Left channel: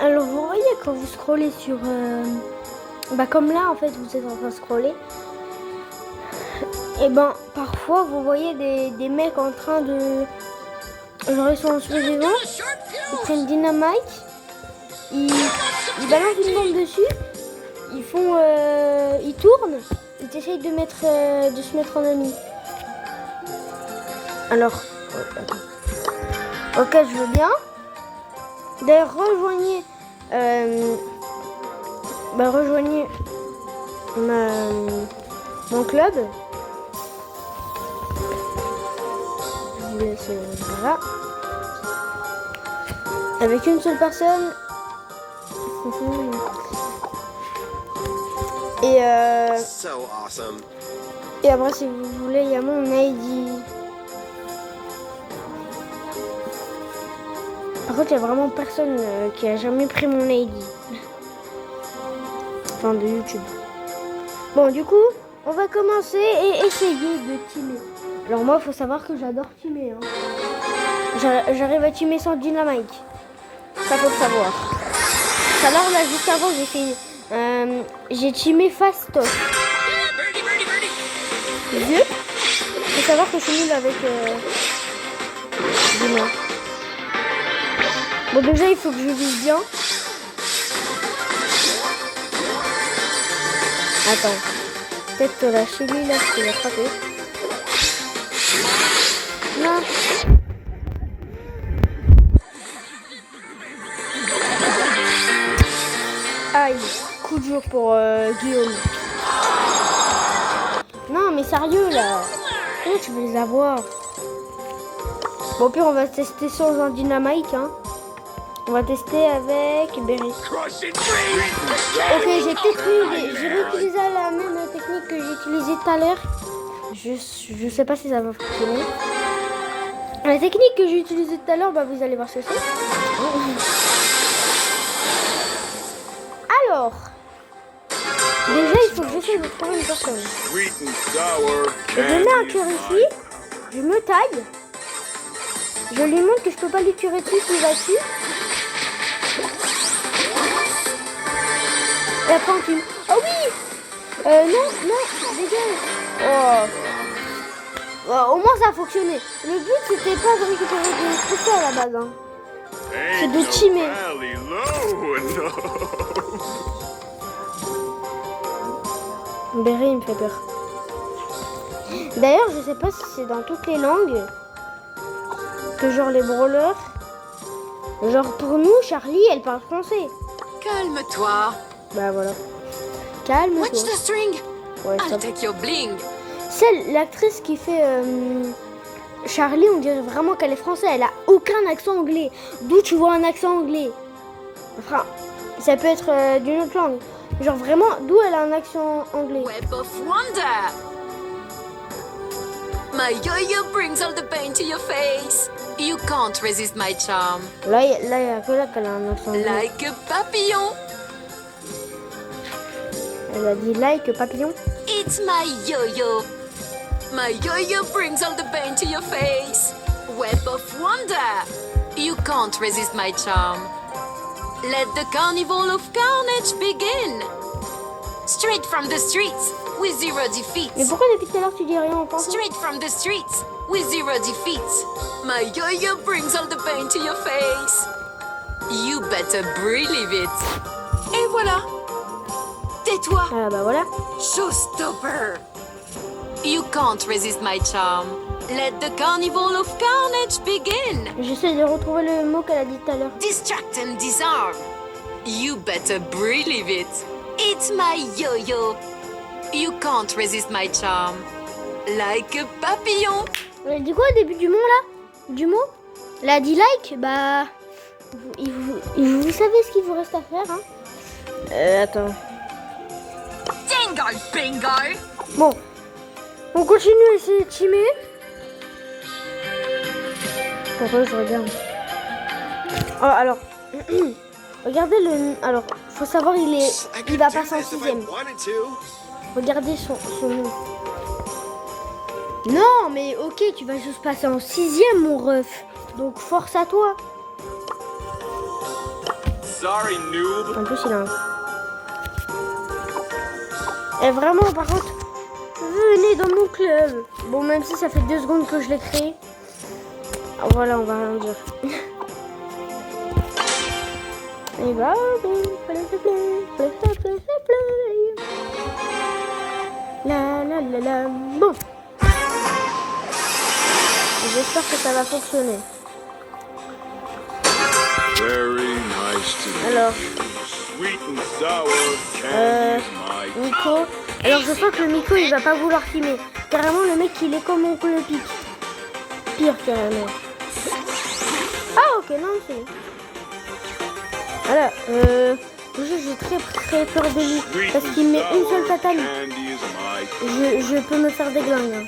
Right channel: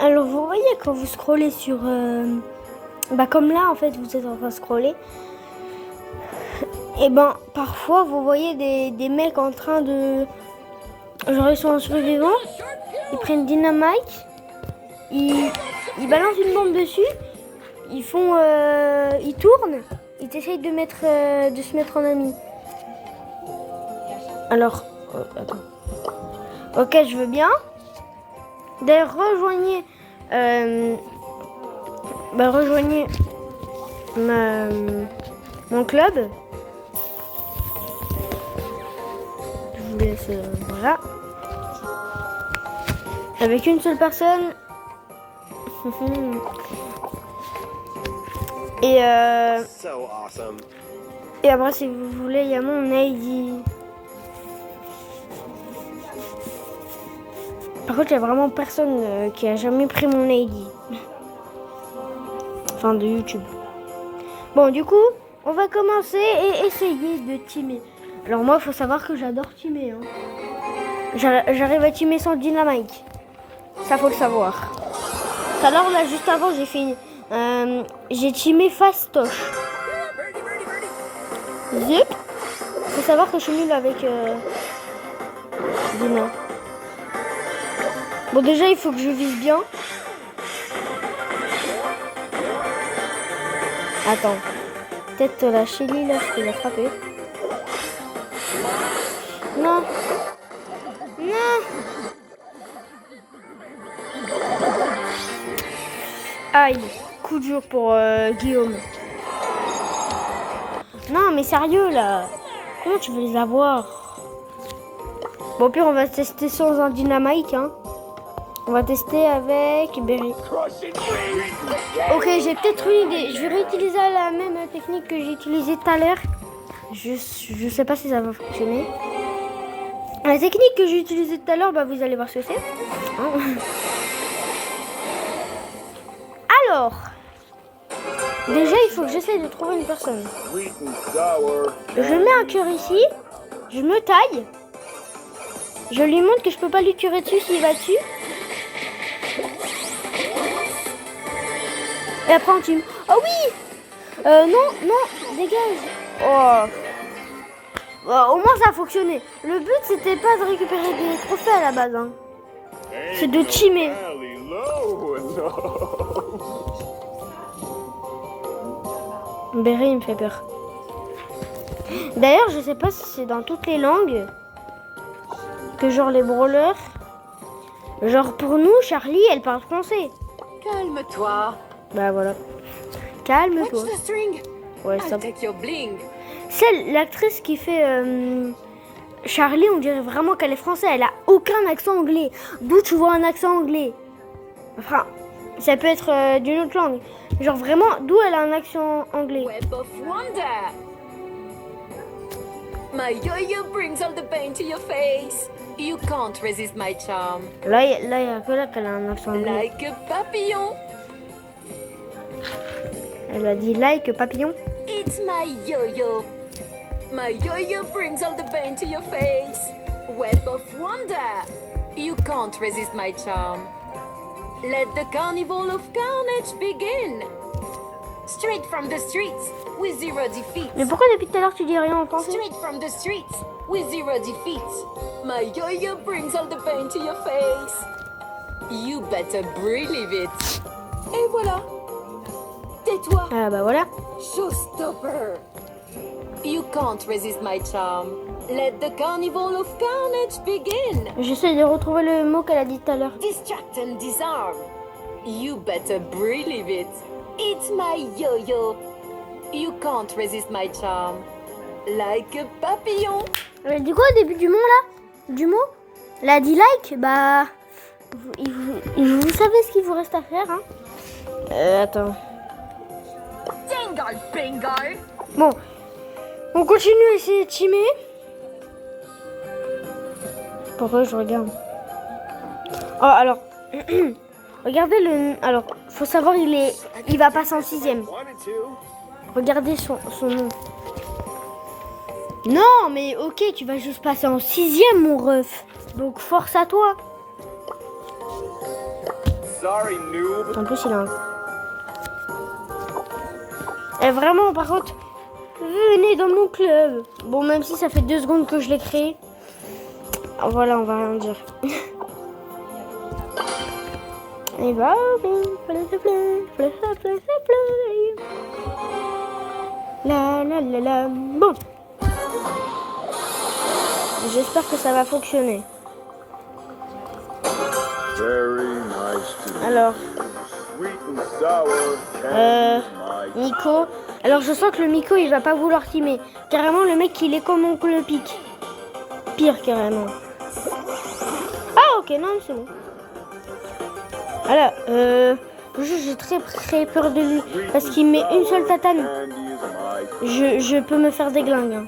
Alors vous voyez quand vous scrollez sur... comme là en fait vous êtes en train de scroller. Et parfois vous voyez des mecs en train de... Genre ils sont sur les vents, ils prennent dynamite, ils balancent une bombe dessus, ils tournent, ils essayent de se mettre en ami. Alors, attends. Ok, je veux bien. D'ailleurs, rejoignez mon club. Je vous laisse, voilà. Avec une seule personne. Et So awesome. et après, si vous voulez, il y a mon ID. Par contre, il n'y a vraiment personne qui a jamais pris mon ID. Enfin, de YouTube. Bon, du coup, on va commencer et essayer de teamer. Alors moi, il faut savoir que j'adore teamer. Hein. J'arrive à teamer sans dynamite. Ça, faut le savoir. Tout à l'heure, là, juste avant, j'ai teamé fastoff. Zup. Faut savoir que je suis nulle avec Dina. Bon, déjà, il faut que je vise bien. Attends. Peut-être que la chenille, là, je peux la frapper. Non. Non. Aïe. Coup dur pour Guillaume. Non, mais sérieux, là. Comment tu veux les avoir? Bon, au pire, on va tester sur un dynamite, hein. On va tester avec Berry. Ok, j'ai peut-être une idée. Je vais réutiliser la même technique que j'ai utilisée tout à l'heure. Je sais pas si ça va fonctionner. La technique que j'ai utilisée tout à l'heure, vous allez voir ce que c'est. Alors, déjà, il faut que j'essaye de trouver une personne. Je mets un cœur ici. Je me taille. Je lui montre que je peux pas lui tirer dessus s'il va dessus. Et après on tue. Oh oui. Non, dégage. Oh. Au moins ça a fonctionné. Le but c'était pas de récupérer des trophées à la base. Hein. C'est de teamer. Berry il me fait peur. D'ailleurs je sais pas si c'est dans toutes les langues. Que genre les brawlers. Genre pour nous, Charlie elle parle français. Calme-toi. Bah voilà. Calme-toi. Watch the string. Ouais, I'll take your bling. Celle, l'actrice qui fait Charlie, on dirait vraiment qu'elle est française. Elle a aucun accent anglais. D'où tu vois un accent anglais? Enfin, ça peut être d'une autre langue. Genre vraiment, d'où elle a un accent anglais? Web of wonder. My yo-yo brings all the pain to your face. You can't resist my charm. Là, il y a que là qu'elle a un accent anglais. Like a papillon. Elle a dit like papillon. It's my yo-yo. My yo-yo brings all the pain to your face. Web of wonder. You can't resist my charm. Let the carnival of carnage begin. Straight from the streets with zero defeats. Mais pourquoi depuis tout à l'heure tu dis rien en pensant? Straight from the streets with zero defeats. My yo-yo brings all the pain to your face. You better believe it. Et voilà. Tais-toi. Ah bah voilà. Showstopper. You can't resist my charm. Let the carnival of carnage begin. J'essaie de retrouver le mot qu'elle a dit tout à l'heure. Distract and disarm. You better believe it. It's my yo-yo. You can't resist my charm. Like a papillon. Elle a dit quoi au début du mot là? Du mot? Elle a dit like? Bah... Vous savez ce qu'il vous reste à faire, hein? Attends. Dingo bingo. Bon. On continue à essayer de teamer. Pourquoi je regarde? Oh, alors... Regardez le... Alors, faut savoir, il va passer en 6ème. Regardez son nom. Non, mais ok, tu vas juste passer en 6ème, mon ref. Donc, force à toi. Sorry, noob. En plus, il a un... Et vraiment, par contre, venez dans mon club. Bon, même si ça fait 2 secondes que je l'ai créé. Voilà, on va rien dire. Et bah, la la la la. Bon. J'espère que ça va fonctionner. Very nice to Alors, sweet and sour candy's my Nico. Alors, je sens que le Nico, il va pas vouloir filmer. Carrément, le mec, il est comme mon le pic. Pire, carrément. Ah, ok, non, c'est bon. Voilà, j'ai très peur de lui. Parce qu'il met une seule tatane. candy is my Je peux me faire des glingues. Hein.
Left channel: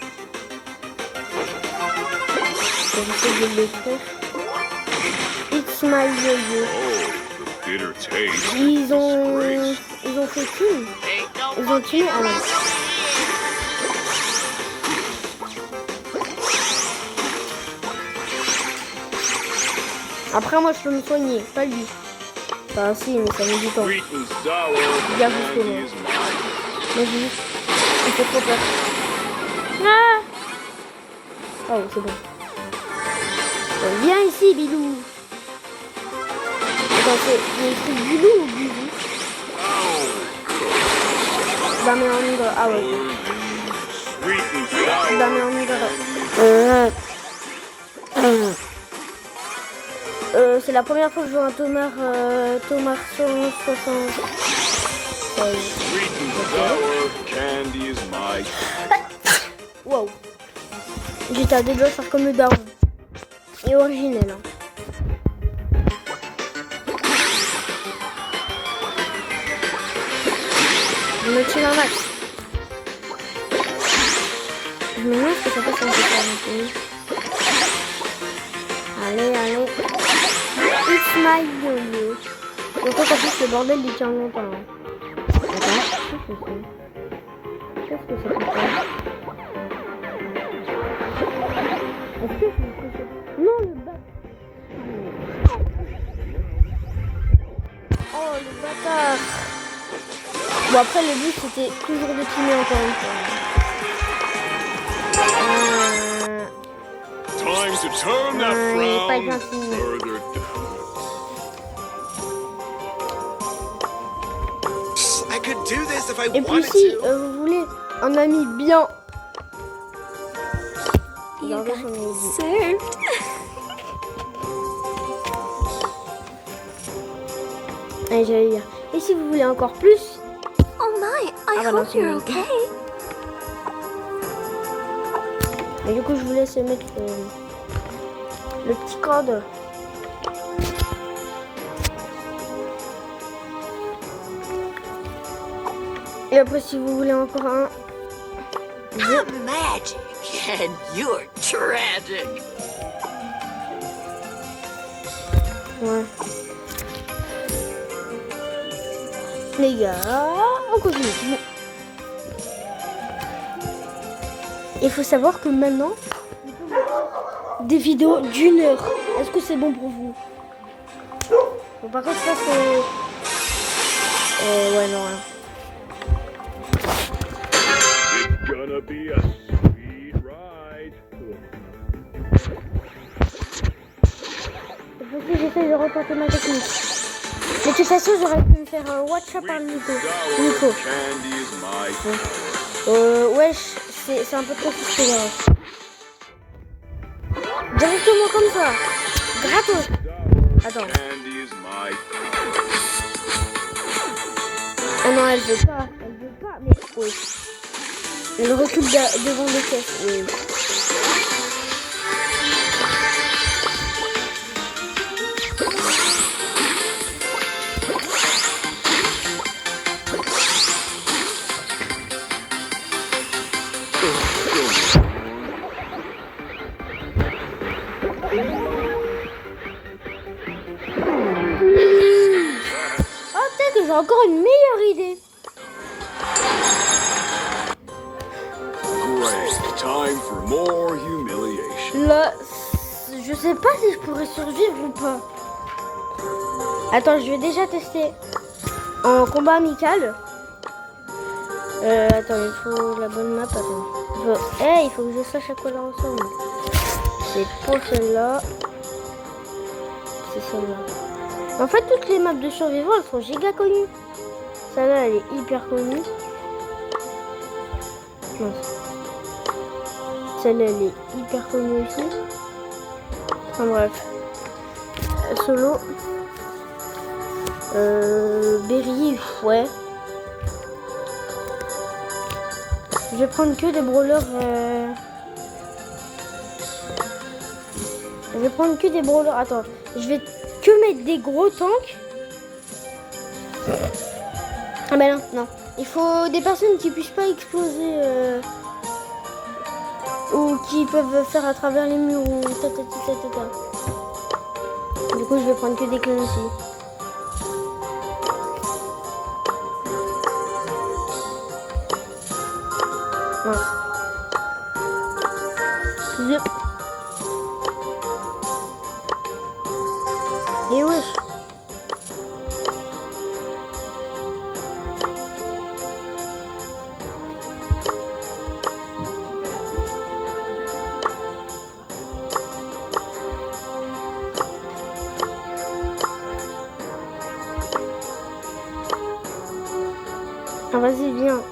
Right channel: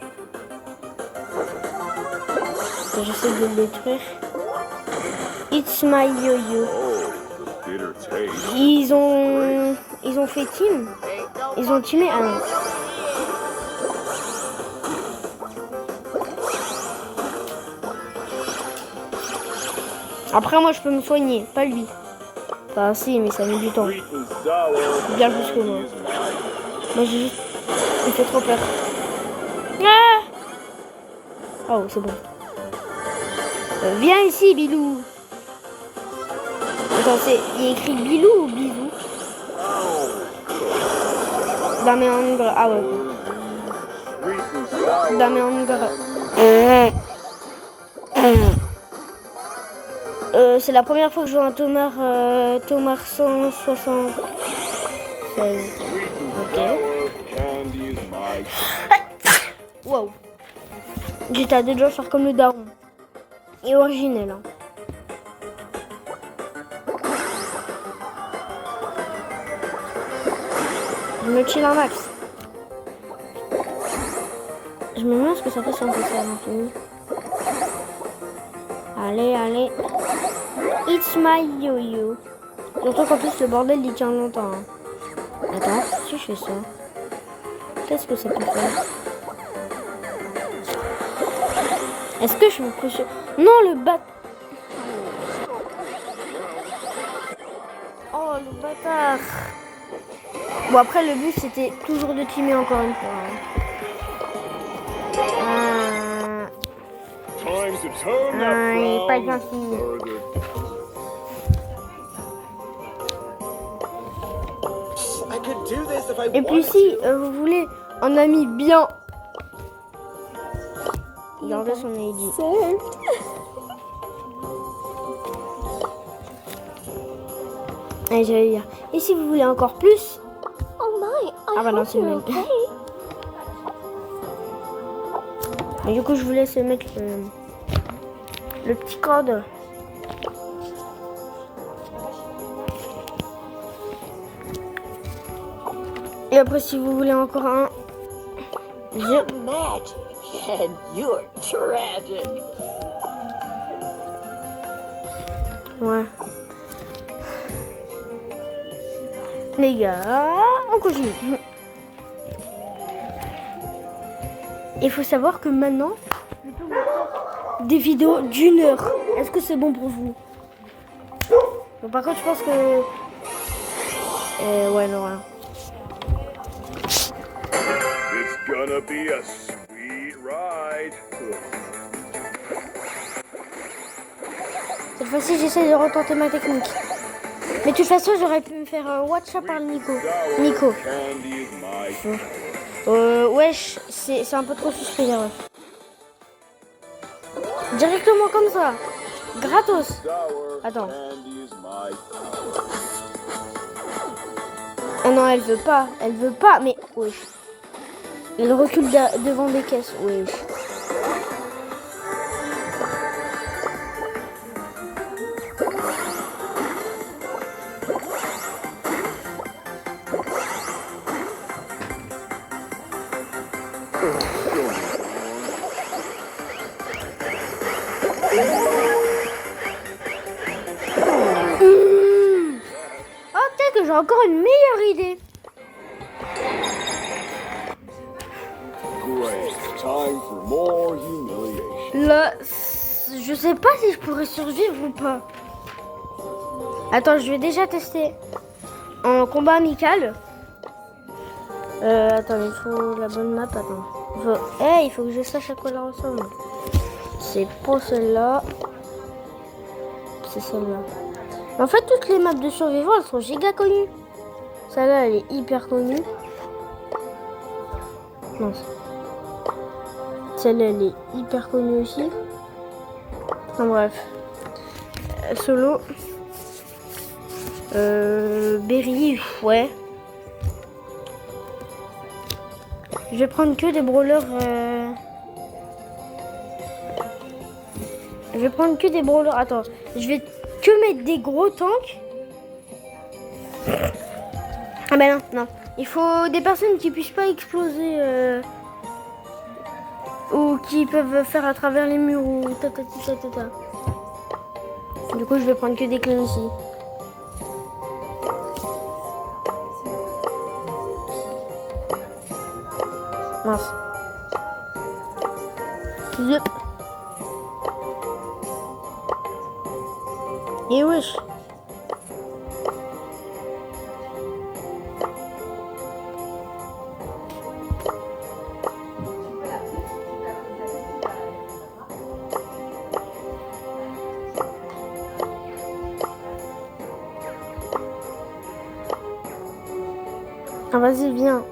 J'essaie de le détruire. It's my yo-yo. the bitter taste. Ils ont fait team. Ils ont tué. Ah non. Après, moi, je peux me soigner, pas lui. Enfin, si, mais ça met du temps. Sweet and sour Bien plus que moi. candy is mine. Moi, j'ai juste... Il fait trop peur. Ah oh, c'est bon. Viens ici, Bilou. Attends, il y a écrit Bilou ou Bilou? Bah, mais en igre. Ah ouais. Sweet and sour. Bah, mais en igre. C'est la première fois que je joue un Tomar 160. Sweet and sour candy is my Wow. J'étais à 2 doigts de faire comme le daron. Et originel. Hein. Je me tue un max. Je me demande ce que ça fait sans que ça maintenant. Allez. It's my yo-yo. Surtout qu'en plus le bordel il tient longtemps. Hein. Attends, si je fais ça. Qu'est-ce que ça peut faire? Est-ce que je me couche? Non, le bat. Oh, le bâtard. Bon, après, le but, c'était toujours de teamer encore une fois. time to turn that Il est pas frown gentil. further. I could do this if I Et puis wanted si to. vous voulez un ami bien... Regardez son ID. Saved. Ah, j'allais dire. Et si vous voulez encore plus... Oh my, I Ah bah non, hope c'est you're mieux. okay. Mais du coup, je vous laisse mettre le petit code. Et après, si vous voulez encore un... I'm magic and you're tragic. Ouais. Les gars, on continue. Il faut savoir que maintenant, des vidéos d'1 heure. Est-ce que c'est bon pour vous? Bon, par contre, je pense que... ouais, non, rien. It's gonna be a sweet ride. Cette fois-ci, j'essaie de retenter ma technique. Mais de toute façon, j'aurais pu me faire watch up par le Nico. Nico. Candy is my Wesh, c'est un peu trop suspect, là. Directement comme ça. Gratos. sour Attends. candy is my Ah non, elle veut pas. Elle veut pas, mais oui. Elle recule devant les caisses. Oui. Oh, peut-être que j'ai encore une meilleure idée. great. Time for more humiliation. Là, je sais pas si je pourrais survivre ou pas. Attends, je vais déjà tester en combat amical. Attends, il faut la bonne map. Attends. Il faut que je sache à quoi elle ressemble. C'est pour celle-là. C'est celle-là. En fait, toutes les maps de survivants, elles sont giga connues. Celle-là, elle est hyper connue. Non. Celle-là, elle est hyper connue aussi. Enfin bref. Solo. Berry, ouais. Je vais prendre que des brawlers. Je vais prendre que des brawlers. Attends, je vais que mettre des gros tanks. Ah ben non, non. Il faut des personnes qui puissent pas exploser ou qui peuvent faire à travers les murs ou ta. Du coup, je vais prendre que des clés ici. Mince. Zip. Et wesh. Ah, vas-y, viens.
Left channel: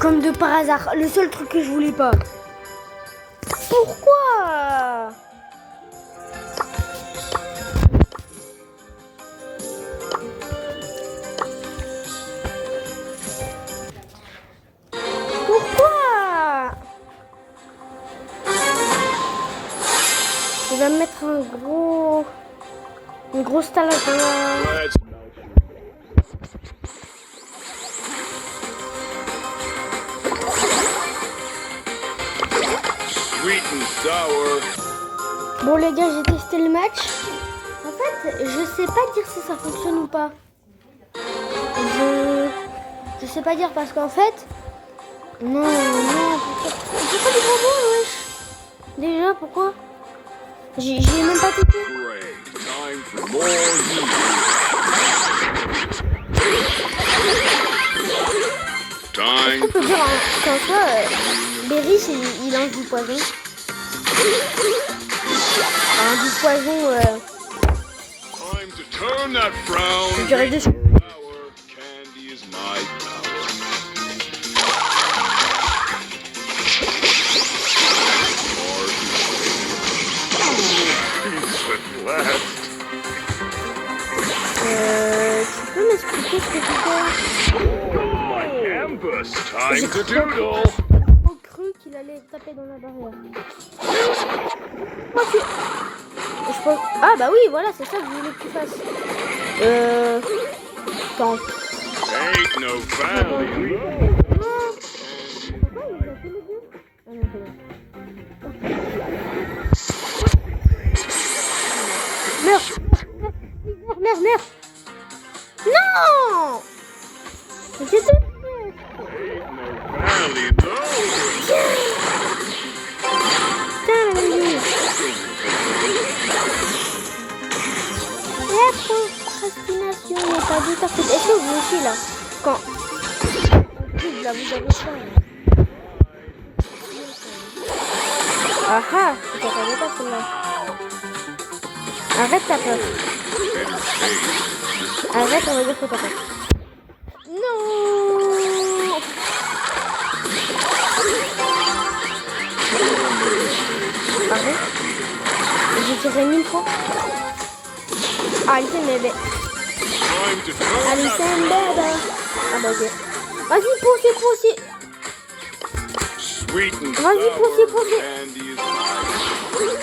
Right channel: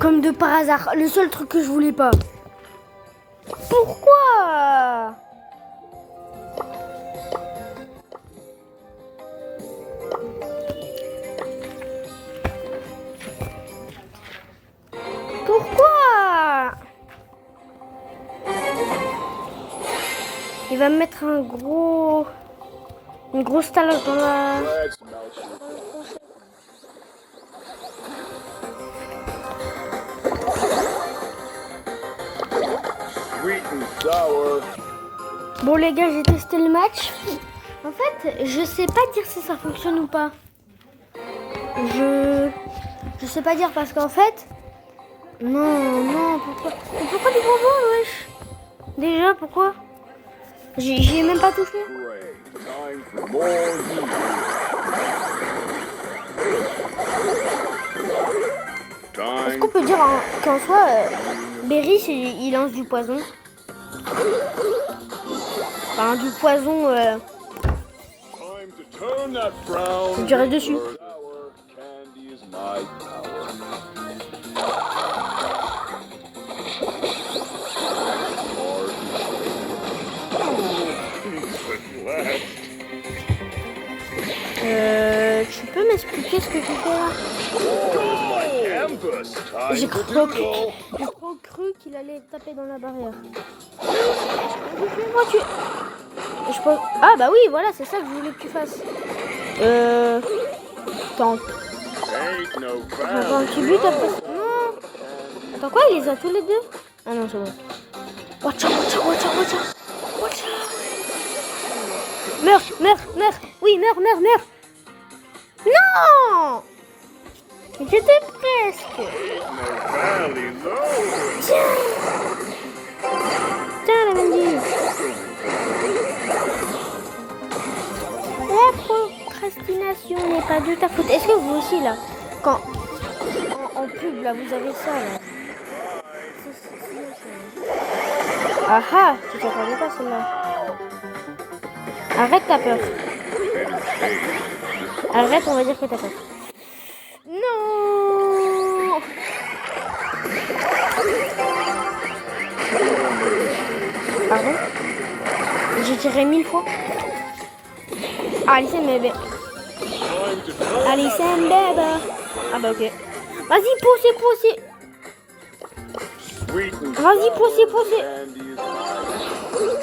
Comme de par hasard, le seul truc que je voulais pas. Pourquoi? Pourquoi? Il va me mettre une grosse talage dans la... Bon les gars, j'ai testé le match. En fait, je sais pas dire si ça fonctionne ou pas. Je sais pas dire parce qu'en fait... Non, pourquoi des gros mots, wesh? Déjà, pourquoi? J'ai même pas tout fait. Est-ce qu'on peut dire qu'en soi, Berry, il lance du poison? Enfin, du poison, je dirais dessus. Tu peux m'expliquer ce que tu fais? J'ai cru qu'il allait taper dans la barrière. Je pense... Ah bah oui, voilà, c'est ça que je voulais que tu fasses. Attends. Attends, tu veux taper? Non. Attends, quoi, il les a tous les deux? Ah non, c'est bon. Watch out. Meurs. Oui, meurs. Non! J'étais presque. La procrastination n'est pas de ta faute. Est-ce que vous aussi là, quand en pub là vous avez ça là? Ah ah, je t'attendais pas celle-là. Arrête ta peur. Arrête, on va dire que t'as peur. Non. Pardon? J'ai tiré 1000 fois. Alison bébé. Ah bah ok. Vas-y, poussez. Vas-y, poussez.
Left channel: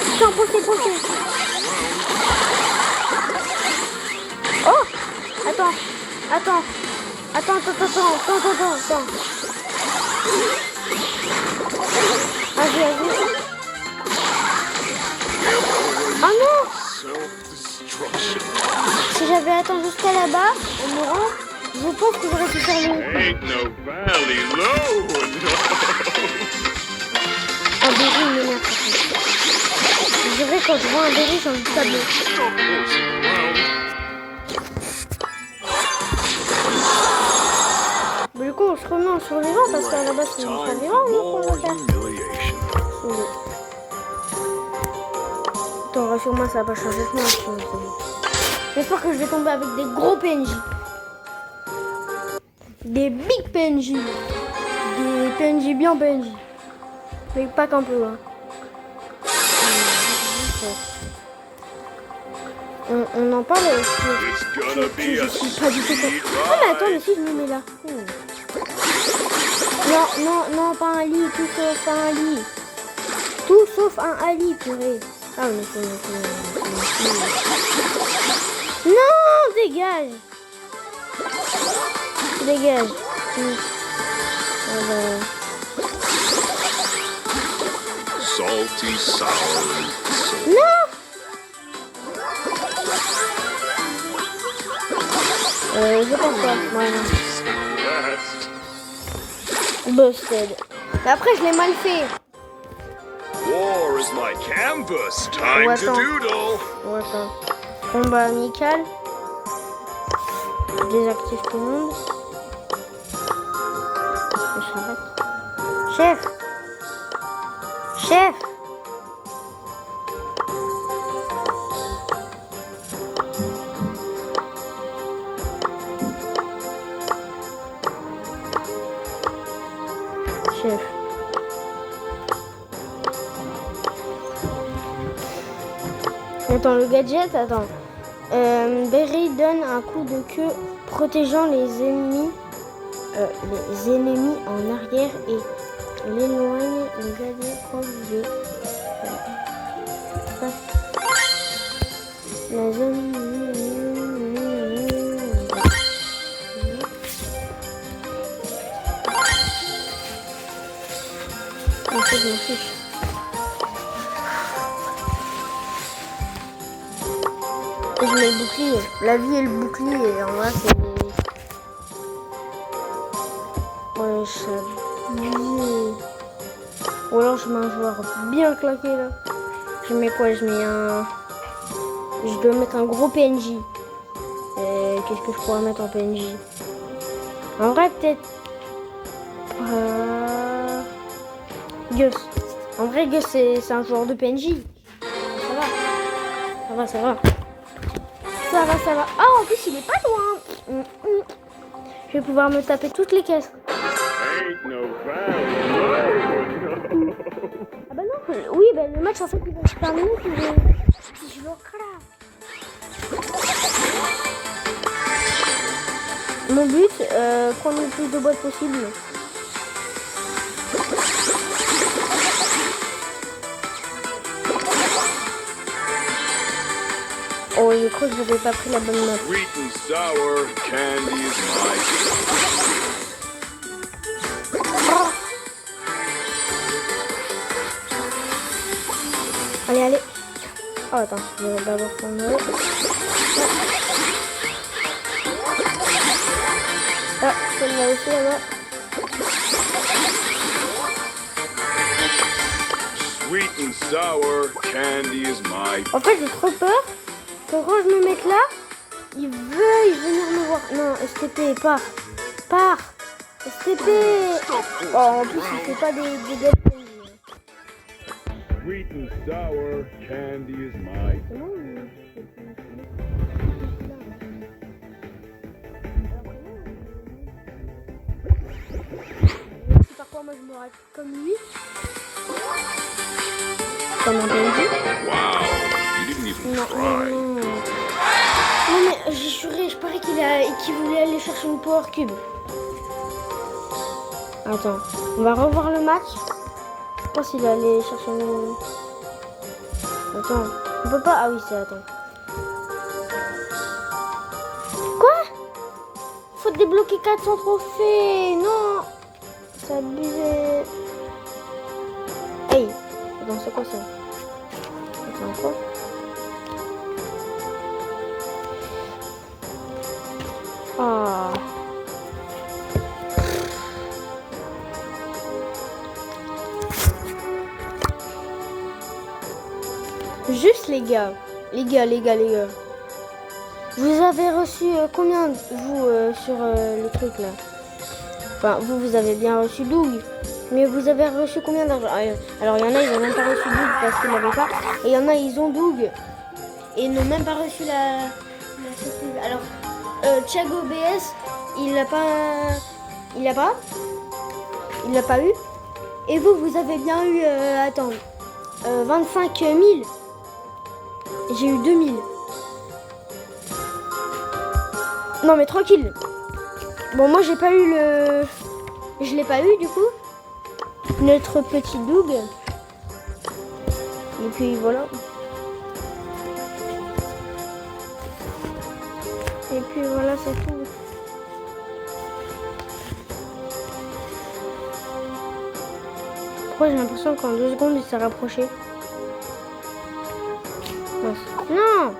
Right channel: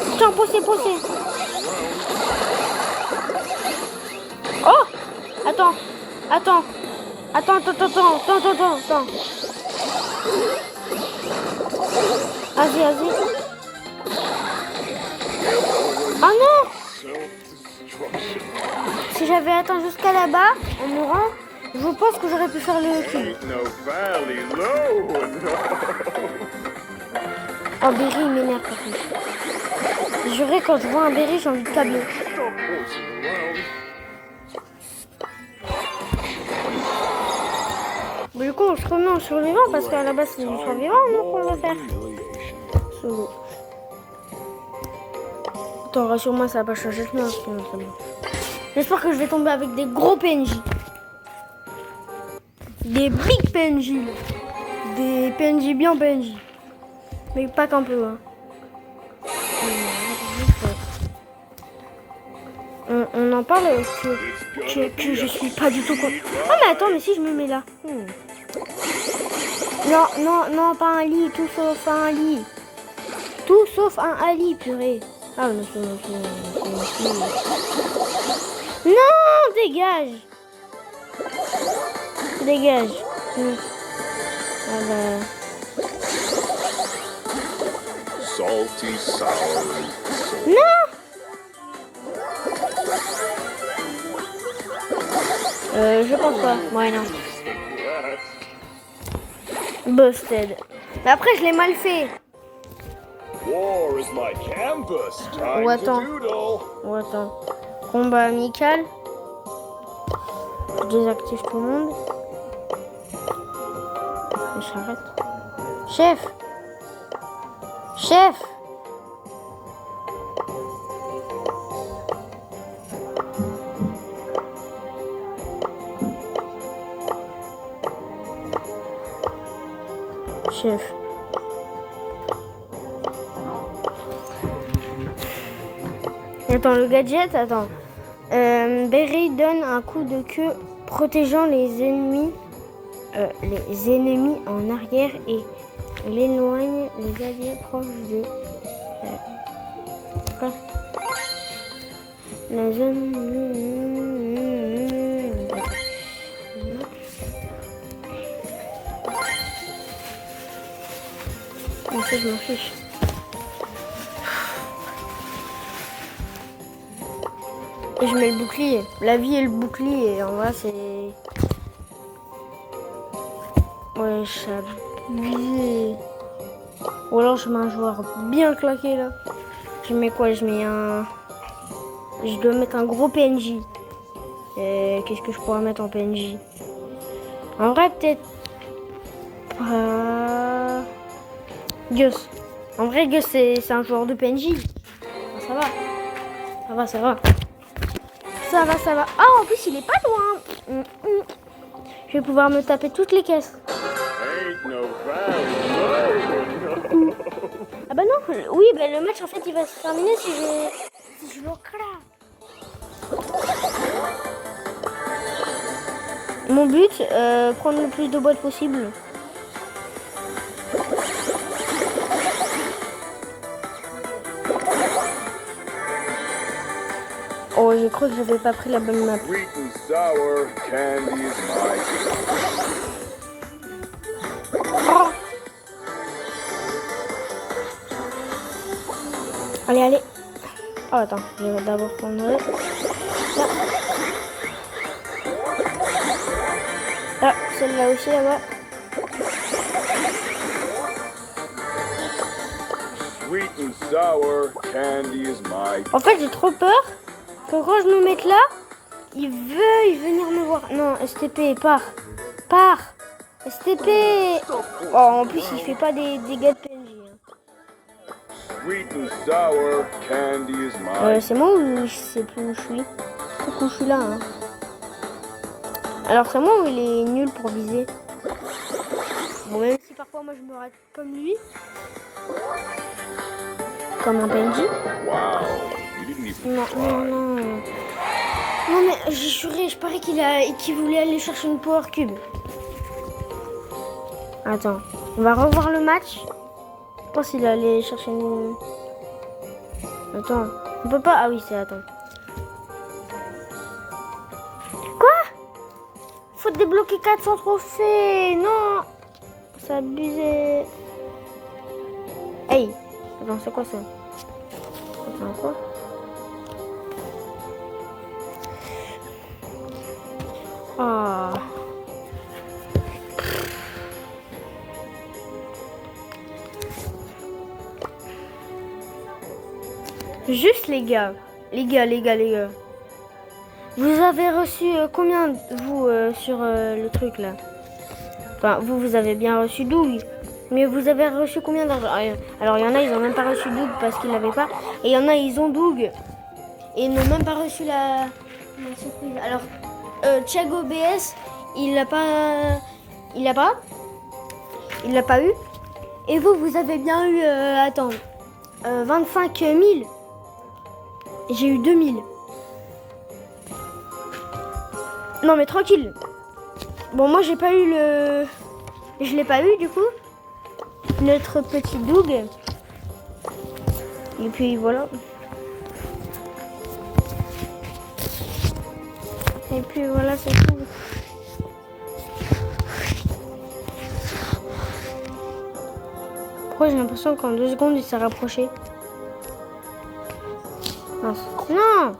Putain, poussez. Oh! Attends. Vas-y. Oh non! Si j'avais attendu jusqu'à là-bas, en mourant, je pense que j'aurais pu faire le coup. Oh, Berry, il m'énerve par contre. Je dirais quand je vois un Berry, j'ai envie de tabler. coup, non, survivant, parce qu'à la base, c'est du survivant, donc on va faire. Sauver. Attends, rassure-moi, ça va pas changer de moi. J'espère que je vais tomber avec des gros PNJ. Des big PNJ. Des PNJ bien PNJ. Mais pas qu'un peu, hein. On en parle que je suis pas du tout con. Ah mais attends, mais si je me mets là. Non, pas un lit, tout sauf un lit. Tout sauf un lit, purée. Ah mais non, dégage. Dégage. Ah bah. Salty, sour. Non. Je pense pas. Ouais, non. Busted. Après, je l'ai mal fait. War is my canvas. Oh, Time to attends. doodle. Oh, attends. Combat amical. Je désactive tout le monde. Je s'arrête. Chef. Chef. Chef. Attends, le gadget, attends. Berry donne un coup de queue protégeant les ennemis en arrière et l'éloigne les alliés proches de la zone. En fait, je m'en fiche. Et je mets le bouclier. La vie et le bouclier. En vrai, c'est... Ouais, j'abuse. Ou alors, je mets un joueur bien claqué, là. Je mets quoi? Je mets un... Je dois mettre un gros PNJ. Qu'est-ce que je pourrais mettre en PNJ? En vrai, peut-être... Gus. En vrai, Gus, c'est un joueur de PNJ. Ça va. Ça va, ça va. Ça va, ça va. Ah, en plus, il est pas loin. Je vais pouvoir me taper toutes les caisses. Ain't no Ah bah non, oui, bah le match, en fait, il va se terminer si je le craque. Mon but, prendre le plus de boîtes possible. Oh, j'ai cru que j'avais pas pris la bonne map. Sweet and sour candy is Oh. Allez, allez. Oh, attends, je vais d'abord prendre... Ah, ah celle-là aussi, là-bas. Sweet and sour candy is my... En fait, j'ai trop peur que quand je me mette là, il veuille venir me voir. Non, STP, pars. Pars. STP. Oh, en plus, il fait pas des dégâts de PNJ. Sweet and sour candy is my... C'est moi ou je sais plus où je suis? Je sais plus où je suis là. Hein. Alors, c'est moi ou il est nul pour viser? Bon, même si parfois moi je me rate comme lui. Comme un PNJ. Wow, you didn't even Non, try. non, mais j'ai juré, je parie qu'il voulait aller chercher une Power Cube. Attends, on va revoir le match. Je pense qu'il est allé chercher une... Attends, on peut pas... Ah oui, c'est... Attends. Quoi? Faut débloquer 400 trophées. Non. C'est abusé. Hey. Attends, c'est quoi ça? Attends, quoi? Ah. Juste les gars. Les gars. Vous avez reçu combien, vous, sur le truc là? Enfin, vous avez bien reçu Doug. Mais vous avez reçu combien d'argent? Alors, il y en a, ils n'ont même pas reçu Doug parce qu'ils l'avaient pas. Et il y en a, ils ont Doug. Et ils n'ont même pas reçu la... Alors, Thiago BS, il l'a pas eu. Et vous avez bien eu, 25 000. J'ai eu 2 000. Non mais tranquille. Bon, moi j'ai pas eu le... Je l'ai pas eu du coup. Notre petit Doug. Et puis voilà. Et puis voilà, c'est tout. Pourquoi j'ai l'impression qu'en 2 secondes il s'est rapproché? Mince. Non!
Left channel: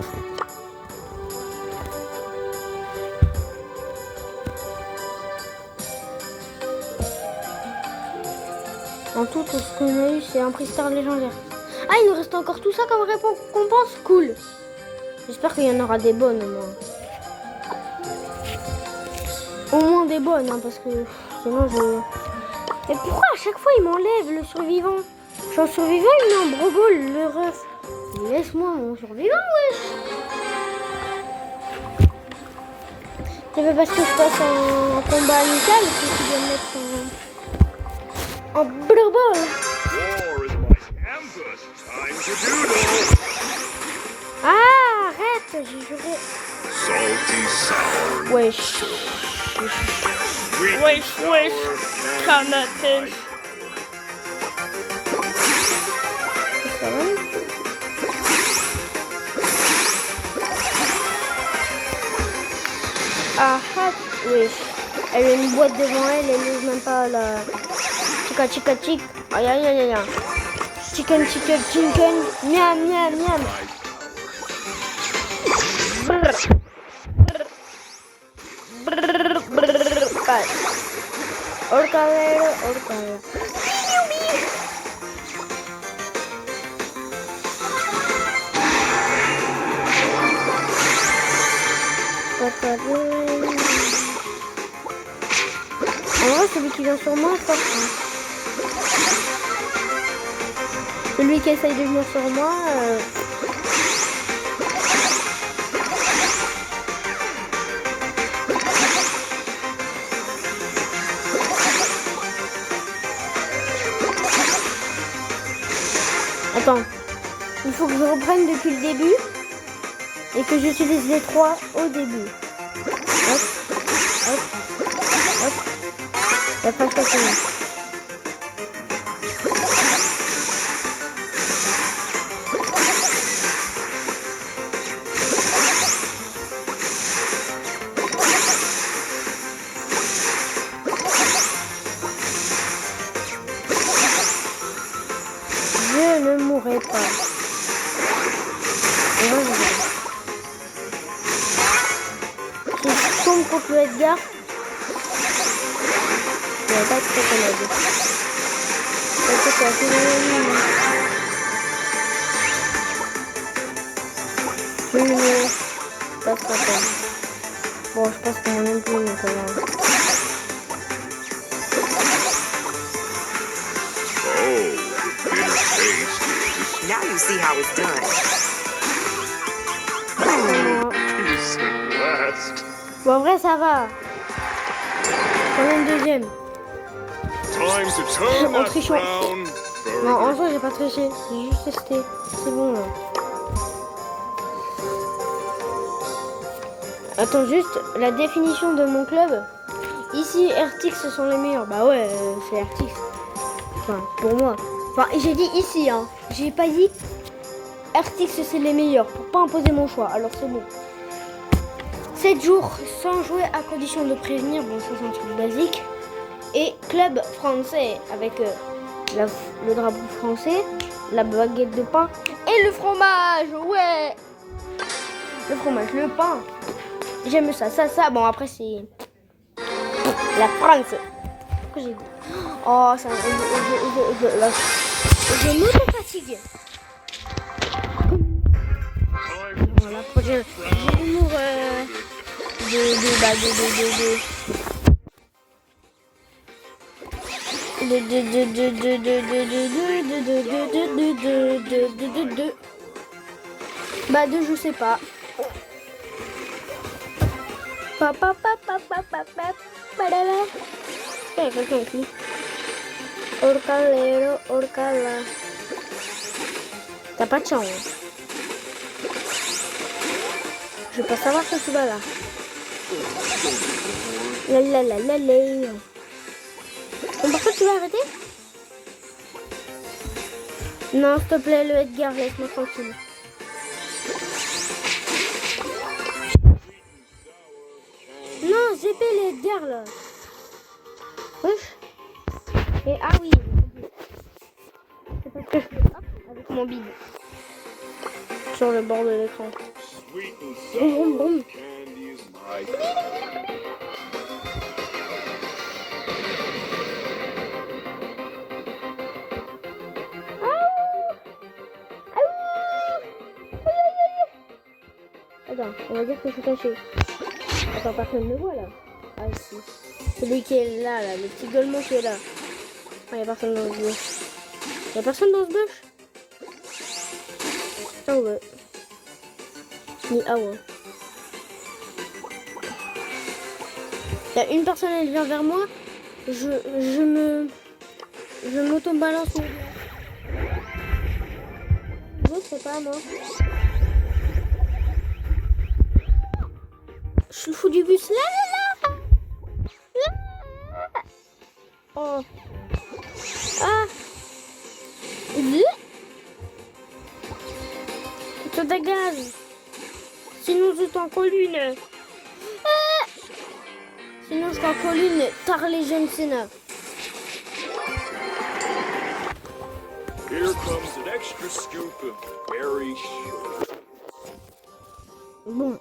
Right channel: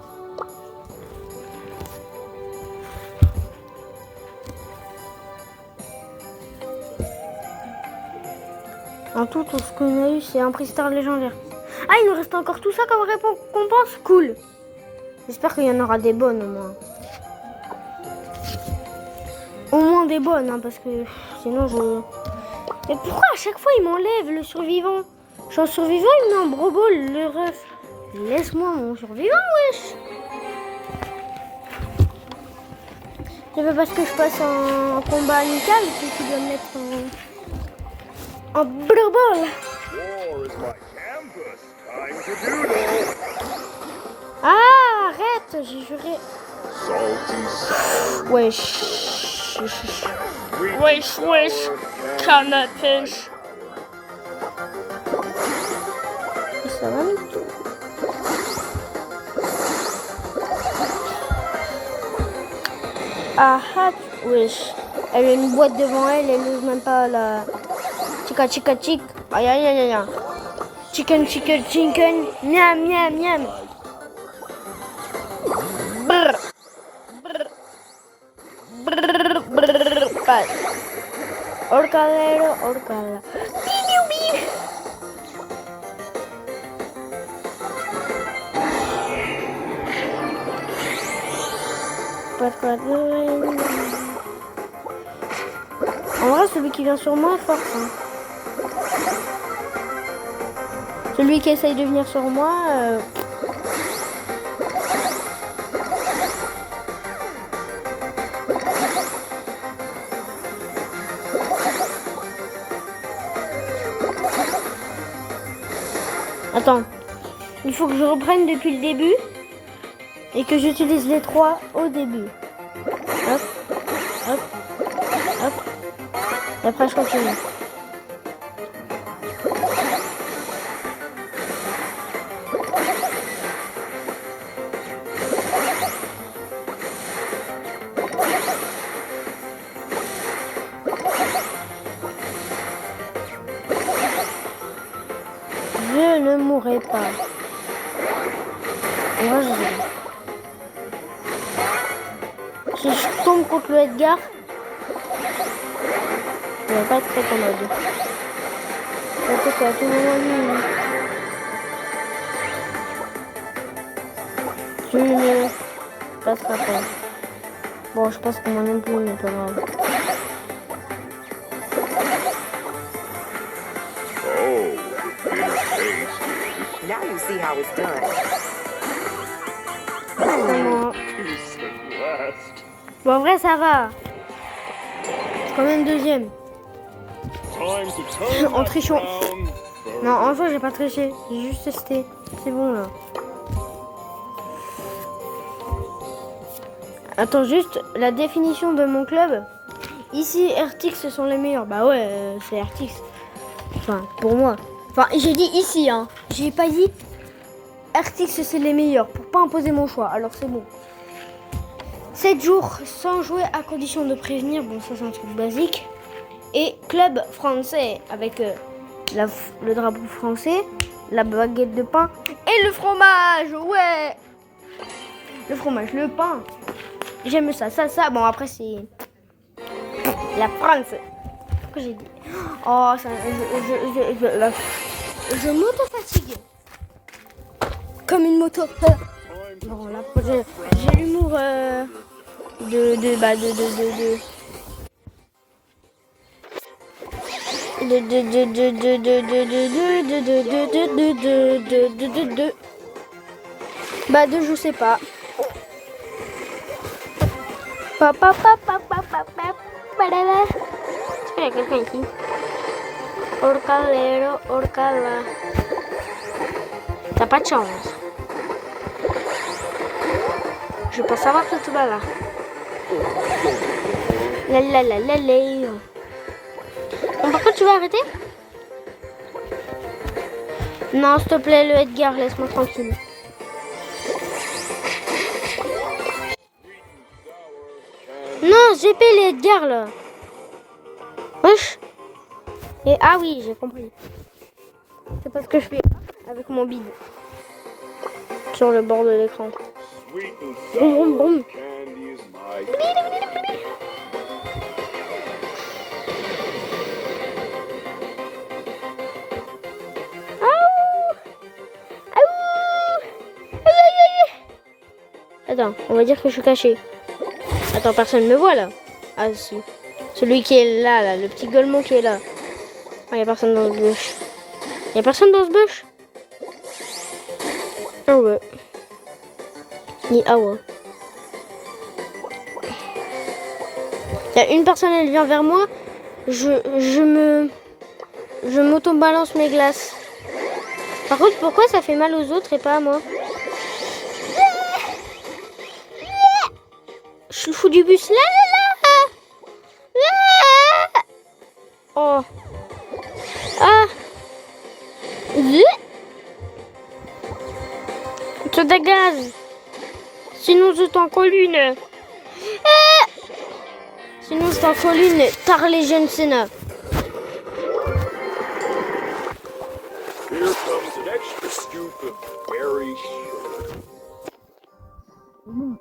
En tout ce qu'on a eu, c'est un prix star légendaire. Ah, il nous reste encore tout ça comme récompense? Cool. J'espère qu'il y en aura des bonnes au moins. Au moins des bonnes, hein, parce que sinon je... Mais pourquoi à chaque fois il m'enlève le survivant? Je suis en survivant, il met en brogol le ref. Laisse-moi mon survivant, wesh. C'est pas parce que je passe en combat amical que tu dois me mettre en brogol. War is my campus. Time to doodle. Ah, arrête, j'ai juré. Salty sour. Wesh. Sweet Canatech. Ça va? Ah, wesh. Elle a une boîte devant elle, elle n'ose même pas la... Chica. Aïe, aïe, aïe, aïe. Chicken. Miam, miam, miam. Brr. Orcadero. En vrai, celui qui vient sur moi est fort. Hein. Celui qui essaye de venir sur moi... Attends, il faut que je reprenne depuis le début et que j'utilise les 3 au début. Hop. Et après je continue. Je ne mourrai pas. Ouais, si je tombe contre le Edgar, il va pas être très commode. Parce que c'est à tout moment lui. Je ne passera pas. Bon, je pense que moi non plus, mais pas grave. Now you see how it's done. Peace at last. Bon, en vrai, ça va. Quand même deuxième. Time to turn En that trichant. frown. Non, en soi, j'ai pas triché. J'ai juste testé. C'est bon, là. Attends, juste la définition de mon club. Ici, RTX sont les meilleurs. Bah ouais, c'est RTX. Enfin, pour moi. Enfin, j'ai dit ici, hein. J'ai pas dit RTX c'est les meilleurs. Pour pas imposer mon choix. Alors c'est bon. 7 jours sans jouer à condition de prévenir. Bon, ça c'est un truc basique. Et club français avec le drapeau français, la baguette de pain et le fromage. Ouais. Le fromage, le pain. J'aime ça. Bon, après c'est la France. Pourquoi j'ai dit? Oh, ça, je m'auto-fatigue. Comme une moto. Bon, la prochaine, j'ai l'humour Bah deux, je sais pas. Il y a quelqu'un ici. Orcalero, orcala. T'as pas de chance. Je veux pas savoir que tu vas là. La. Bon, par contre, tu vas arrêter? Non, s'il te plaît, le Edgar, laisse-moi tranquille. Non, j'ai payé les Edgar là. Wesh. Et ah oui, j'ai compris. C'est parce que je fais avec mon bide sur le bord de l'écran. Sweet and Boum, boum, boum. sour candy is my Attends, on va dire que je suis caché. Attends, personne ne me voit là. Ah si. Celui qui est là, le petit gueulement qui est là. Ah, y a personne dans ce bush. Y a personne dans ce bush? Ah ouais. Ni ah ouais. Y a une personne, elle vient vers moi. Je m'auto-balance mes glaces. Par contre, pourquoi ça fait mal aux autres et pas à moi? Je le fous du bus là. Oh. Ah. Tu dégages. Sinon c'est en colline. Sinon c'est en colline. Tard les jeunes Sénat. Here comes an extra scoop of berry sugar. Bon.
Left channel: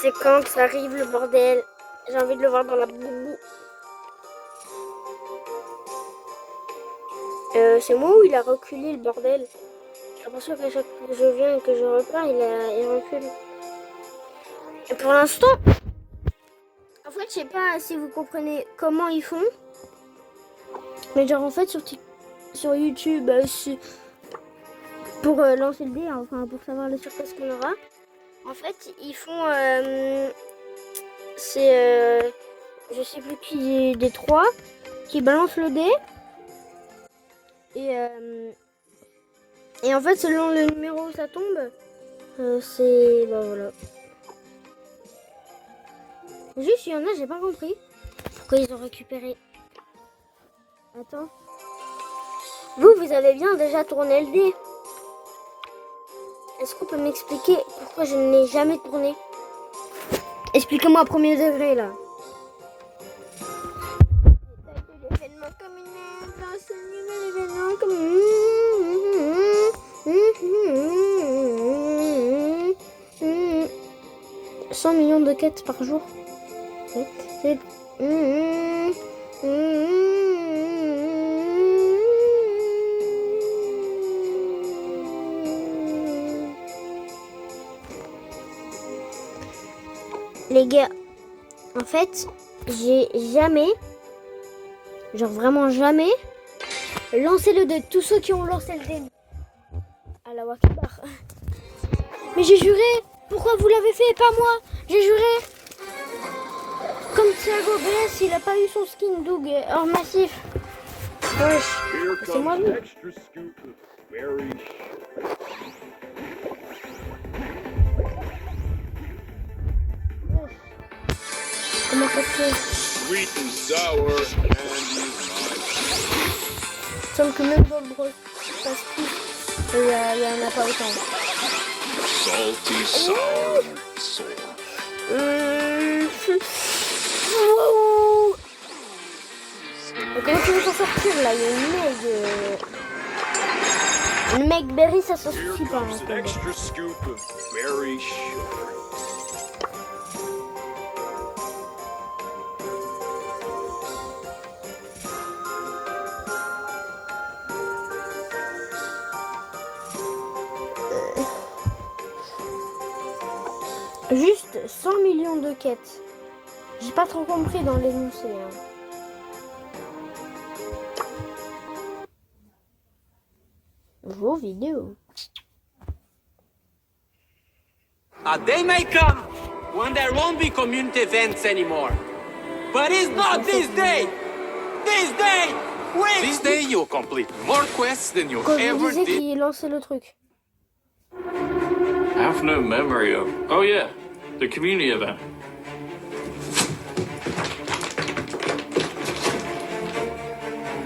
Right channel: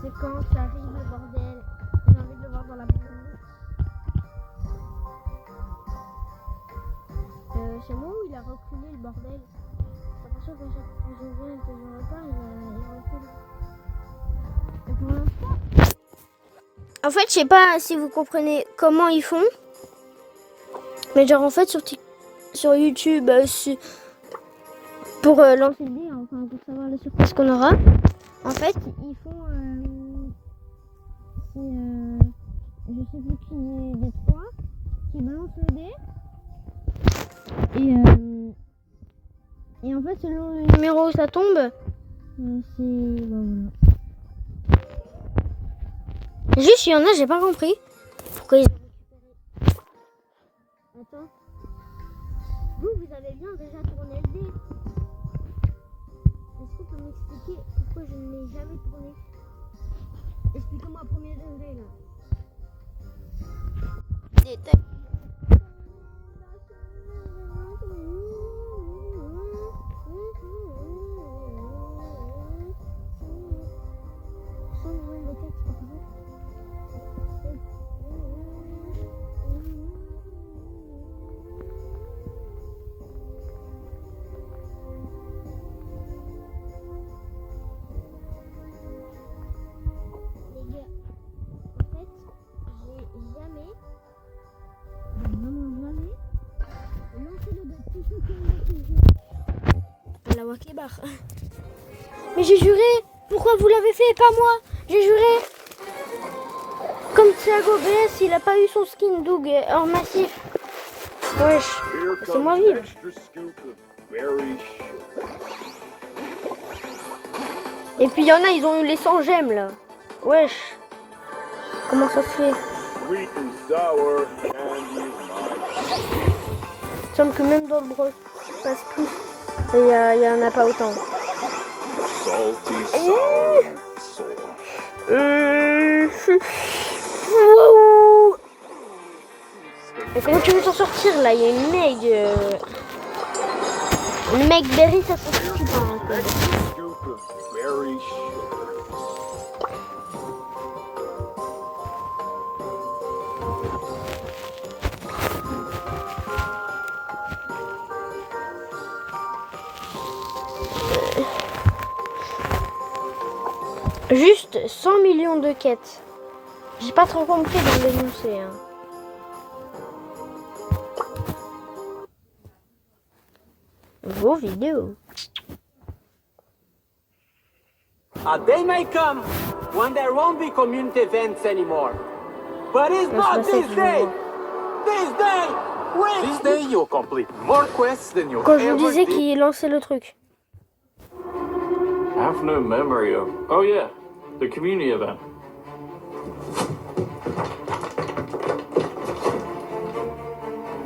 C'est quand que ça arrive le bordel. J'ai envie de le voir dans la boubou. C'est moi où il a reculé le bordel. J'ai l'impression qu'à chaque fois que je viens et que je repars, il recule. Et pour l'instant, en fait, je sais pas si vous comprenez comment ils font. Mais genre en fait sur YouTube, pour lancer le dé, enfin pour savoir la surprise qu'on aura. En fait, ils font, je sais plus qui des trois, qui balance le dé. Et en fait, selon le numéro où ça tombe, c'est, bah voilà. Juste, il y en a, j'ai pas compris pourquoi ils ont récupéré. Attends. Vous avez bien déjà tourné le dé. Est-ce qu'on peut m'expliquer pourquoi je ne l'ai jamais tourné? Expliquez-moi à premier degré là. Détailler l'événement comme une dans ce nouvel événement comme 100 millions de quêtes par jour. C'est les gars, en fait, j'ai jamais, genre vraiment jamais, lancé le dé. Tous ceux qui ont lancé le dé. Allah Akbar. Mais j'ai juré. Pourquoi vous l'avez fait et pas moi? J'ai juré. Comme Thiago Bless, il a pas eu son skin Doug en massif. Wesh, Here c'est moi comes lui. an extra scoop of berry sugar. Et puis il y en a, ils ont eu les 100 gemmes là. Wesh. Comment ça se fait? Sweet and sour candy is my Il semble que même dans le bros passe plus. Et il y en a pas autant. salty sour soul. Wouhou. Et comment tu veux t'en sortir là? Il y a une Meg Berry, ça se suffit pas. Hein, An extra scoop of berry sugar. Juste 100 millions de quêtes. J'ai pas trop compris dans l'énoncé. Hein. Vos vidéos. A day may come when there won't be community events anymore. But it's not this day! This day! Wait! This day you'll complete more quests than you Quand je vous ever disais did. qu'il lançait le truc. I have no memory of. Oh yeah, the community event.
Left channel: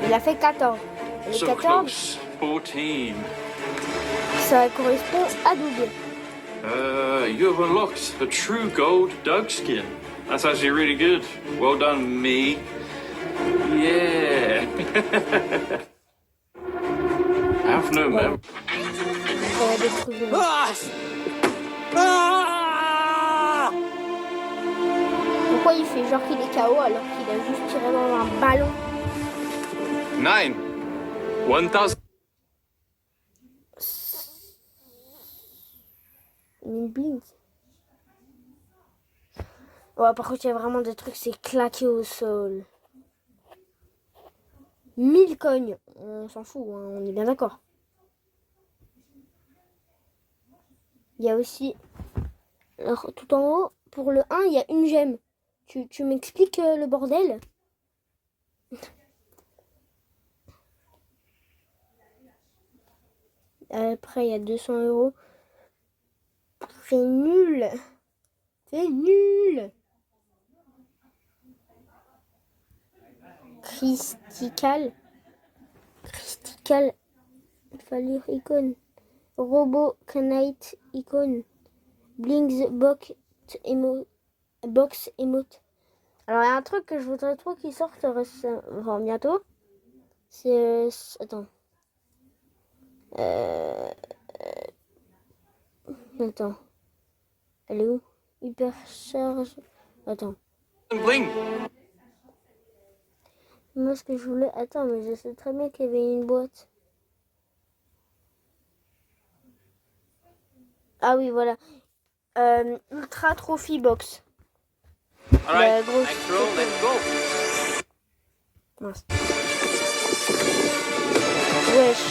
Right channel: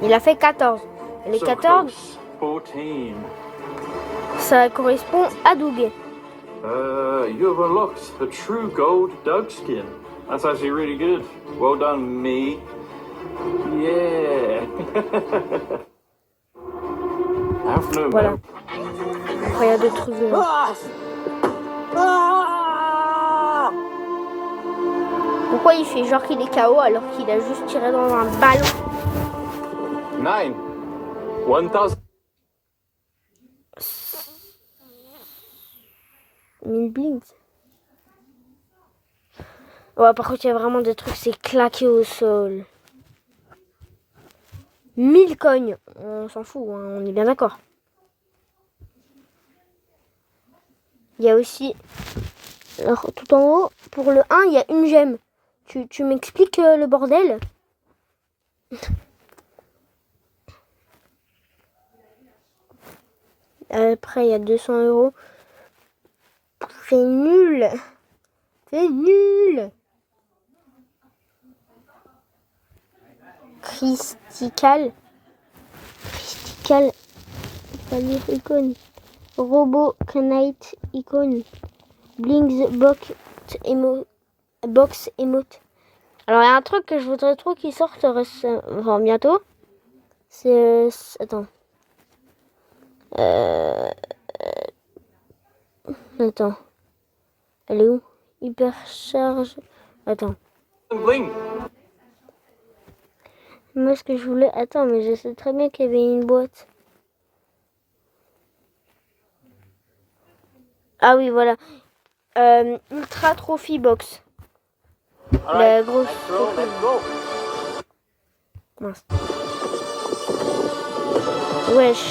Il a fait 14. Les So 14, close. 14. ça correspond à Doug. You have unlocked a true gold Doug skin. That's actually really good. Well done, me. Yeah. I have no Voilà. memory. Après, il y a des trucs. Ah! Ah! Pourquoi il fait genre qu'il est KO alors qu'il a juste tiré dans un ballon? 9. 1000. 1000 blinks. Ouais, par contre, il y a vraiment des trucs, c'est claqué au sol. 1000 cognes. On s'en fout, hein, on est bien d'accord. Il y a aussi, alors, tout en haut, pour le 1, il y a une gemme. Tu m'expliques le bordel? Après, il y a 200 €. C'est nul. C'est nul. Crystal. Fallait icône. Robot Knight icône. Blinks box emote. Alors il y a un truc que je voudrais trop qu'il sorte enfin, bientôt. C'est attends. Attends. Elle est où? Hypercharge. Attends. Bling. Moi ce que je voulais. Attends, mais je sais très bien qu'il y avait une boîte. Ah oui, voilà. Ultra Trophy Box. La Alright, grosse next roll, let's go. Mince. Wesh.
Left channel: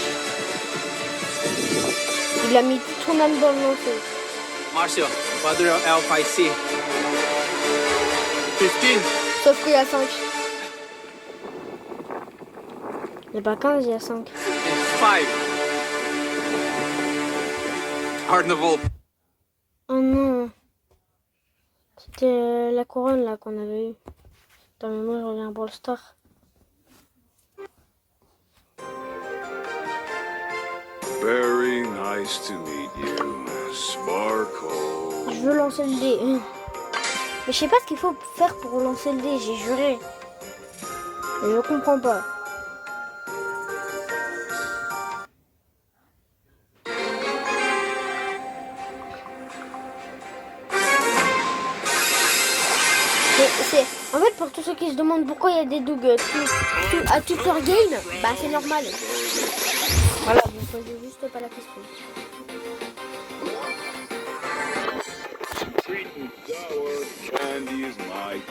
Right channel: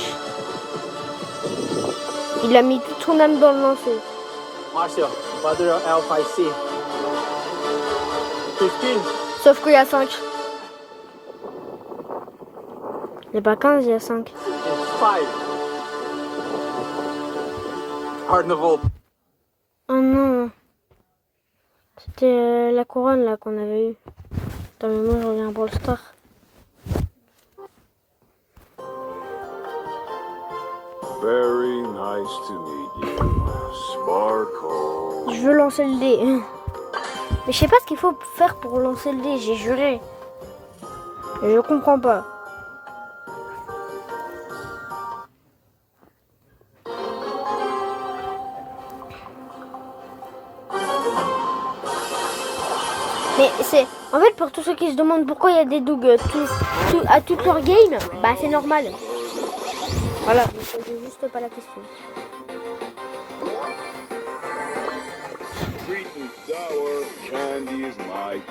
Il a mis toute son âme dans le lancer. Marcio, Mother Alpha IC. 15. Sauf qu'il y a 5. Il n'y a pas 15, il y a 5. And 5. Carnival. Oh non. C'était la couronne là qu'on avait eue. Attends, mais moi je reviens pour le star. Very nice to meet you, Sparkle. Je veux lancer le dé. Mais je sais pas ce qu'il faut faire pour lancer le dé, j'ai juré. Et je comprends pas. Mais c'est... En fait, pour tous ceux qui se demandent pourquoi il y a des Doug à toute leur game, bah c'est normal. Voilà, vous ne posez juste pas la question. Sweet and sour candy is my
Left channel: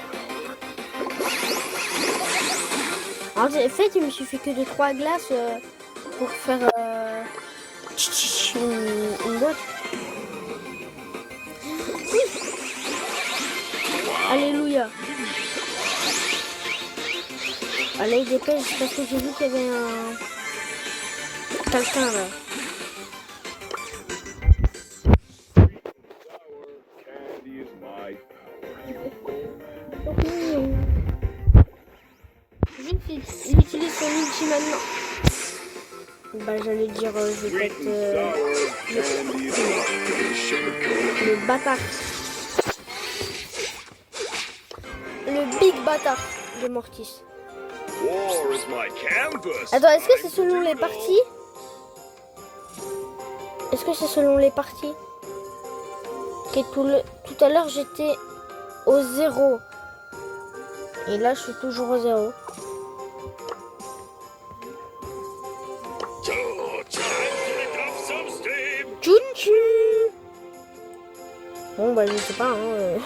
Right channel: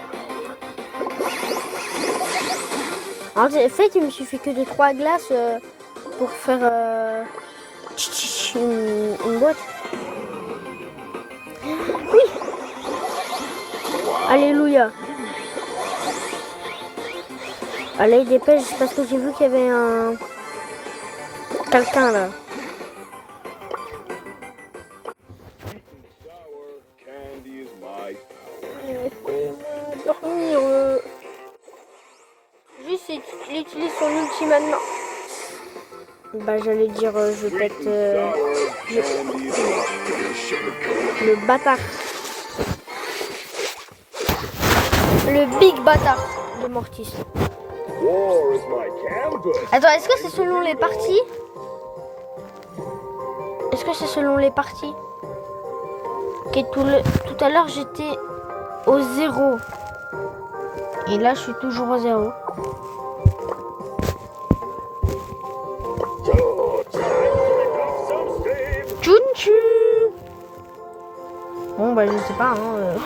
En fait, il me suffit que de 3 glaces pour faire une boîte. Oui. Alléluia. Allez, dépêche, parce que j'ai vu qu'il y avait un... quelqu'un là. candy is my Juste, il utilise son ulti maintenant. Bah, j'allais dire, je vais peut-être... le bâtard. Le big bâtard de Mortis. War is my canvas. Attends, est-ce que c'est selon les parties? Est-ce que c'est selon les parties? Ok, tout à l'heure, j'étais au 0. Et là, je suis toujours au 0. So time to pick up some steam. Tchou-tchou. Bon, bah, je sais pas, hein.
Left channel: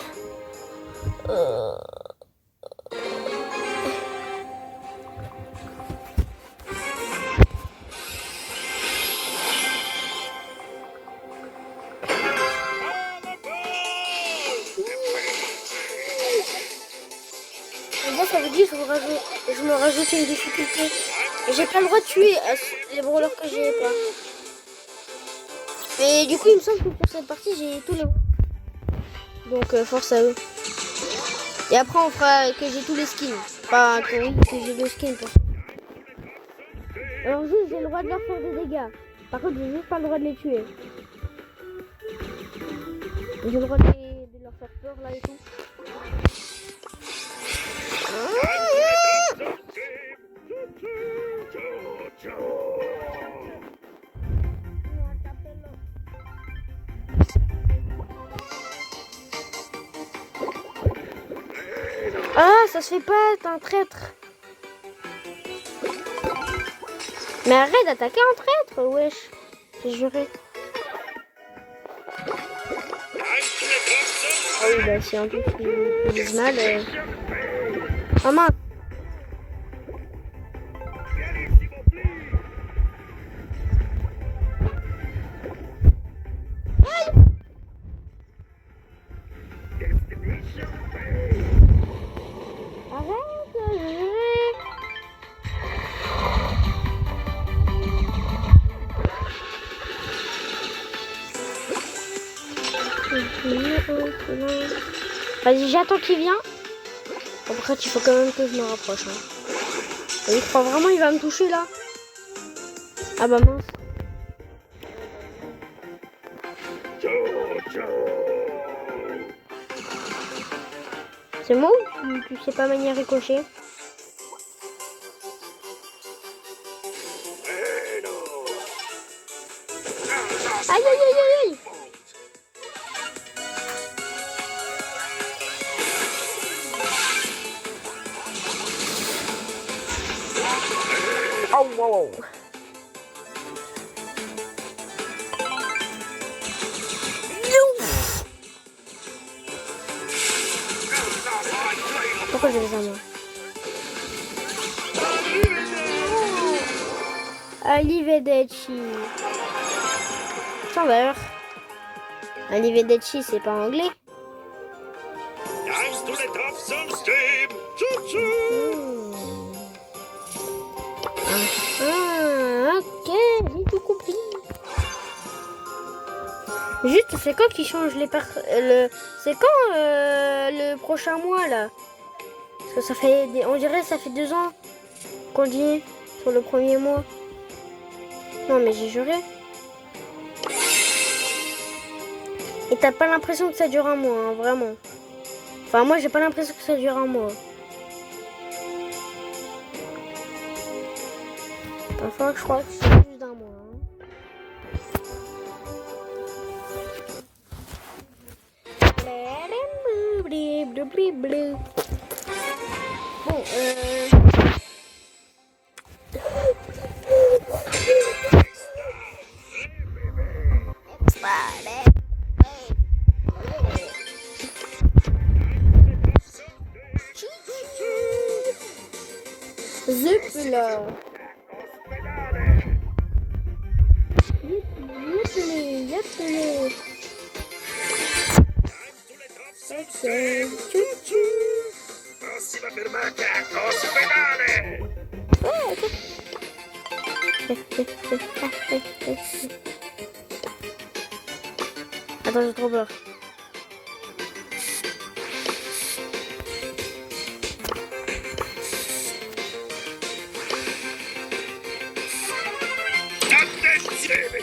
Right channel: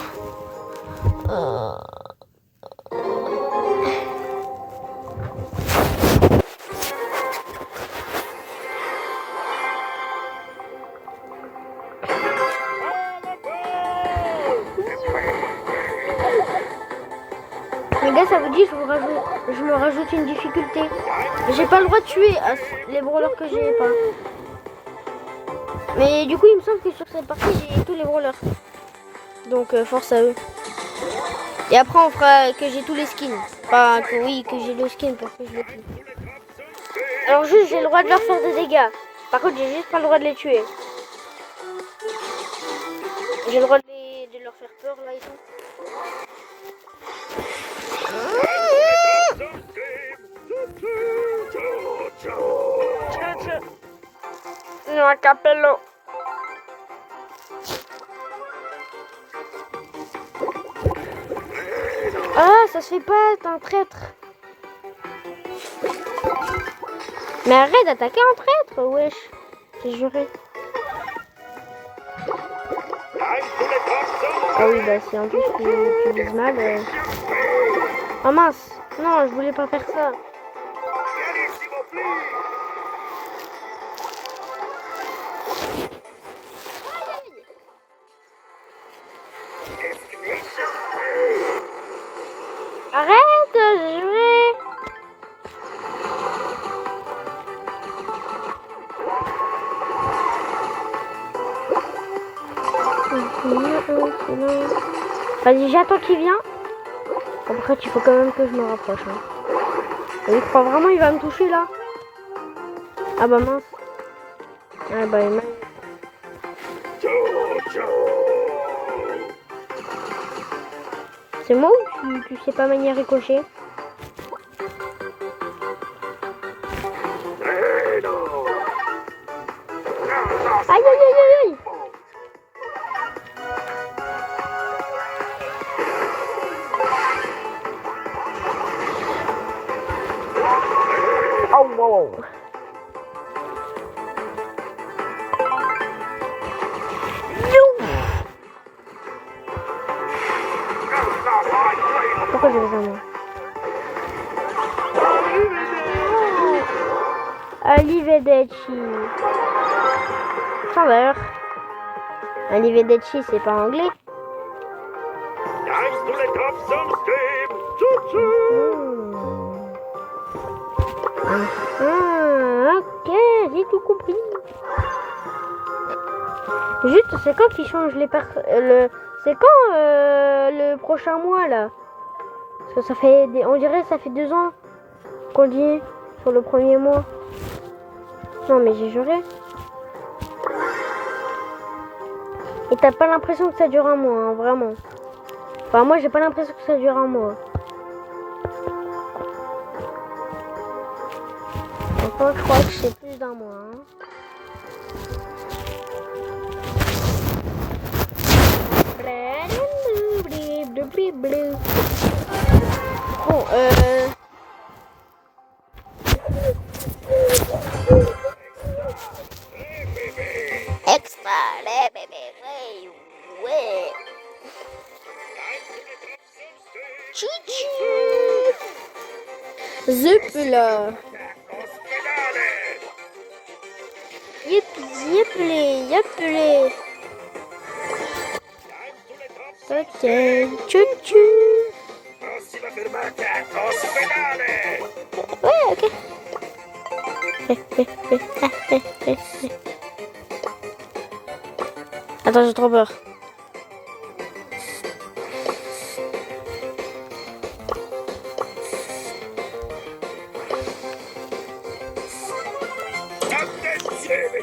là, ça vous dit que je me rajoute une difficulté. J'ai pas le droit de tuer les brawlers que j'ai pas. Mais du coup, il me semble que sur cette partie, j'ai tous les brawlers. Donc, force à eux. Et après, on fera que j'ai tous les skins. Enfin, que oui, que j'ai deux skins pour que je les tue. Alors, juste, j'ai le droit de leur faire des dégâts. Par contre, j'ai juste pas le droit de les tuer. J'ai le droit de leur faire peur, là, et tout. Non, capello. Ah, ça se fait pas, t'es un traître. Mais arrête d'attaquer un traître, wesh. J'ai juré. Ah oui, bah si en plus tu dis mal. Oh mince, non, je voulais pas faire ça. Arrête, j'ai juré. Vas-y, j'attends qu'il vient. Après, il faut quand même que je me rapproche. Hein. Il croit vraiment il va me toucher là. Ah bah mince. Ah bah il m'a... C'est moi ou tu sais pas manier ricochet? Aïe aïe aïe aïe aïe. Oh wow. Pourquoi j'ai besoin moi? Arrivederci. Sans l'heure. Arrivederci, c'est pas anglais. Time to let off some steam. Choo-choo. Ok, j'ai tout compris. Juste, c'est quand qu'ils changent les c'est quand le prochain mois là? Parce que ça fait on dirait que ça fait 2 ans qu'on dit sur le premier mois. Non mais j'ai juré. Et t'as pas l'impression que ça dure un mois, hein, vraiment. Enfin moi j'ai pas l'impression que ça dure un mois. Enfin je crois que c'est plus d'un mois. Hein. Bon, extra, ouais. Zup là. Yep. Ok, chou-chou. Prossima fermata, ospedale. Ouais, ok. Attends, j'ai trop peur. Attenzione,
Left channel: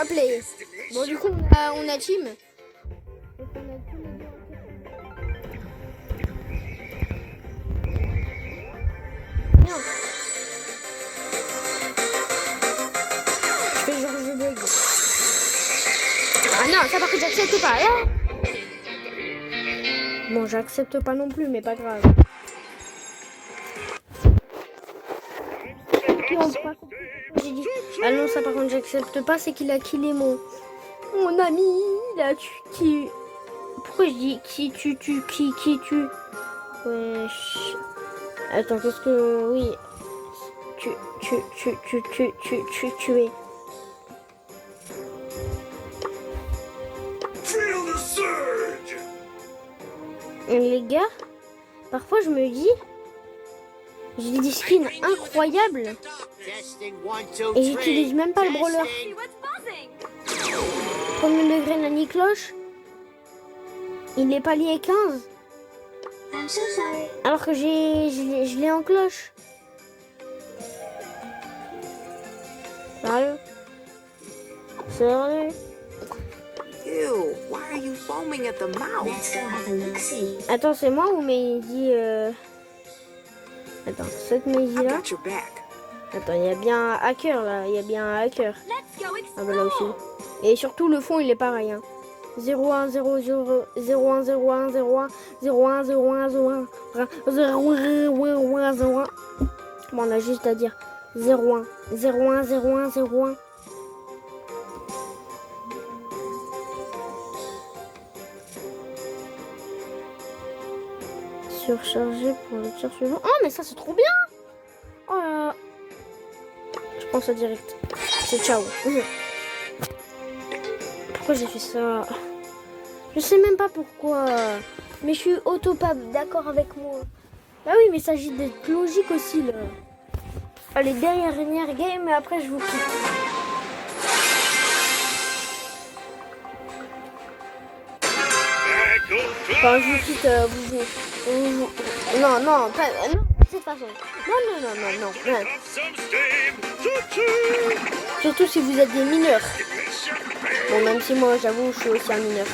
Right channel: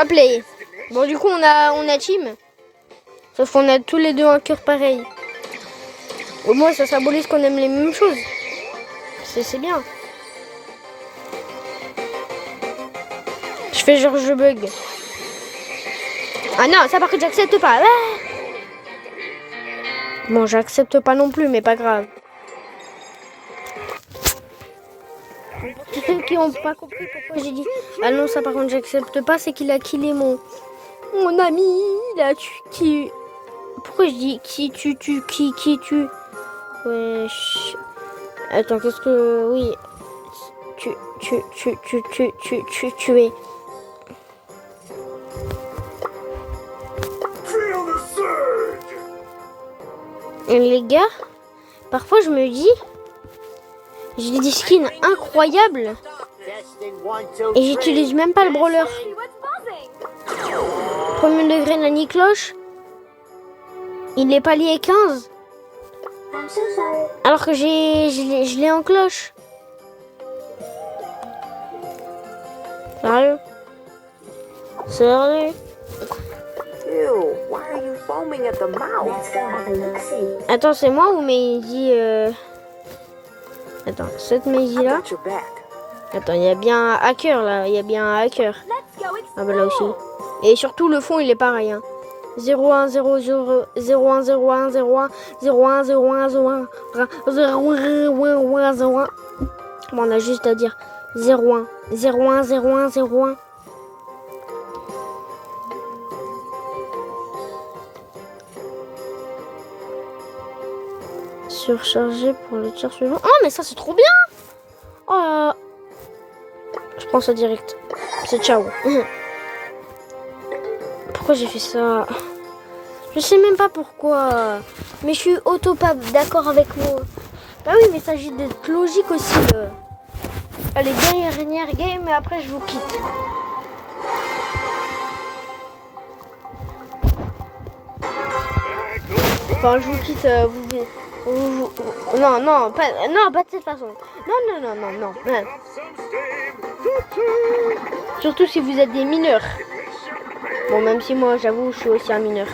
Hop là. Bon du coup on a team. Sauf qu'on a tous les deux un cœur pareil. Au moins ça symbolise qu'on aime les mêmes choses. C'est bien. Je fais genre je bug. Ah non, ça par contre j'accepte pas. Ah bon j'accepte pas non plus mais pas grave. Qui ont pas compris pourquoi j'ai dit ah non ça par contre j'accepte pas, c'est qu'il a killé mon ami, il a tué. Pourquoi je dis qui tue wesh. Attends, qu'est-ce que oui tuer. Les gars, parfois je me dis, j'ai des skins incroyables et j'utilise même pas le brawler. Premier degré Nani Cloche, il est palier 15. Alors que je l'ai en cloche. Sérieux? Sérieux? Ew, why are you foaming at the mouth? Attends, c'est moi ou Maisie Attends, cette Maisie là. Got your back. Attends, il y a bien un hacker là. Il y a bien un hacker. Ah bah là aussi. Et surtout le fond il est pareil. Hein. 01 00 01 01 01 01 01 01 01 01. Bon, on a juste à dire 01 01 01 01. Surchargé pour le tir suivant. Oh mais ça c'est trop bien. Oh là. Je prends ça direct. C'est ciao. Pourquoi j'ai fait ça? Je sais même pas pourquoi. Mais je suis pas d'accord avec moi. Bah oui, mais il s'agit d'être logique aussi. Allez, dernière game et après je vous quitte. Enfin, je vous quitte. Non, pas de cette façon. Non. Surtout si vous êtes des mineurs. Bon, même si moi, j'avoue, je suis aussi un mineur.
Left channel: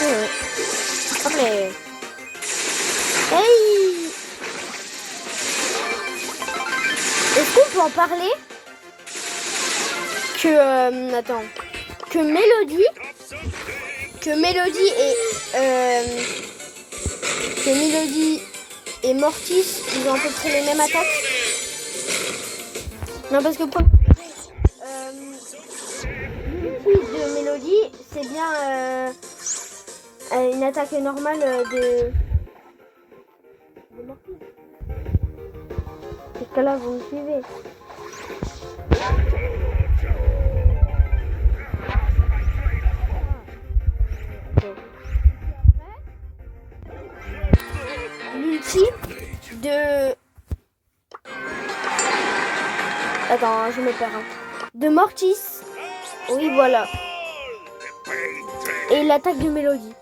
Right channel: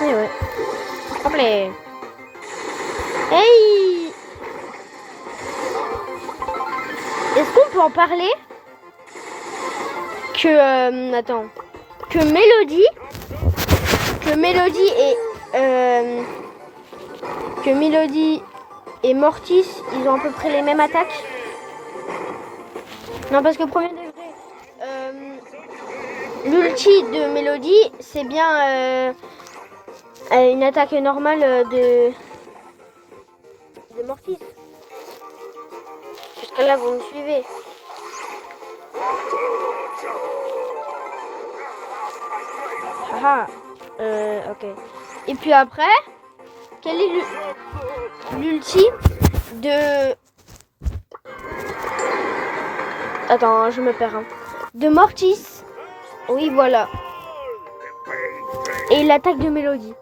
Ouais. Hop là. Hey! Est-ce qu'on peut en parler? Que Mélodie et Mortis, ils ont à peu près les mêmes attaques. Non, parce que premier degré, l'ulti de Mélodie, c'est bien une attaque normale de Mortis. Jusqu'à là, vous me suivez. Ah, ok. Et puis après, quel est l'ulti de... Attends, je me perds. Hein. De Mortis. Oui, voilà. Et l'attaque de Mélodie.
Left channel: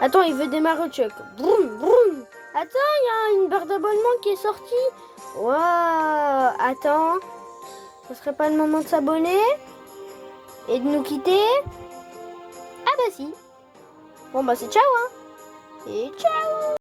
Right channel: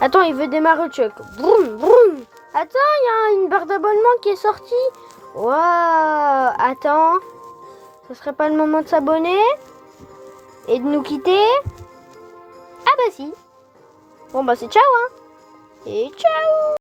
Attends, il veut démarrer Chuck. Broum, broum. Attends, il y a une barre d'abonnement qui est sortie. Waouh. Attends. Ce serait pas le moment de s'abonner et de nous quitter? Ah bah si. Bon bah c'est ciao hein. Et ciao.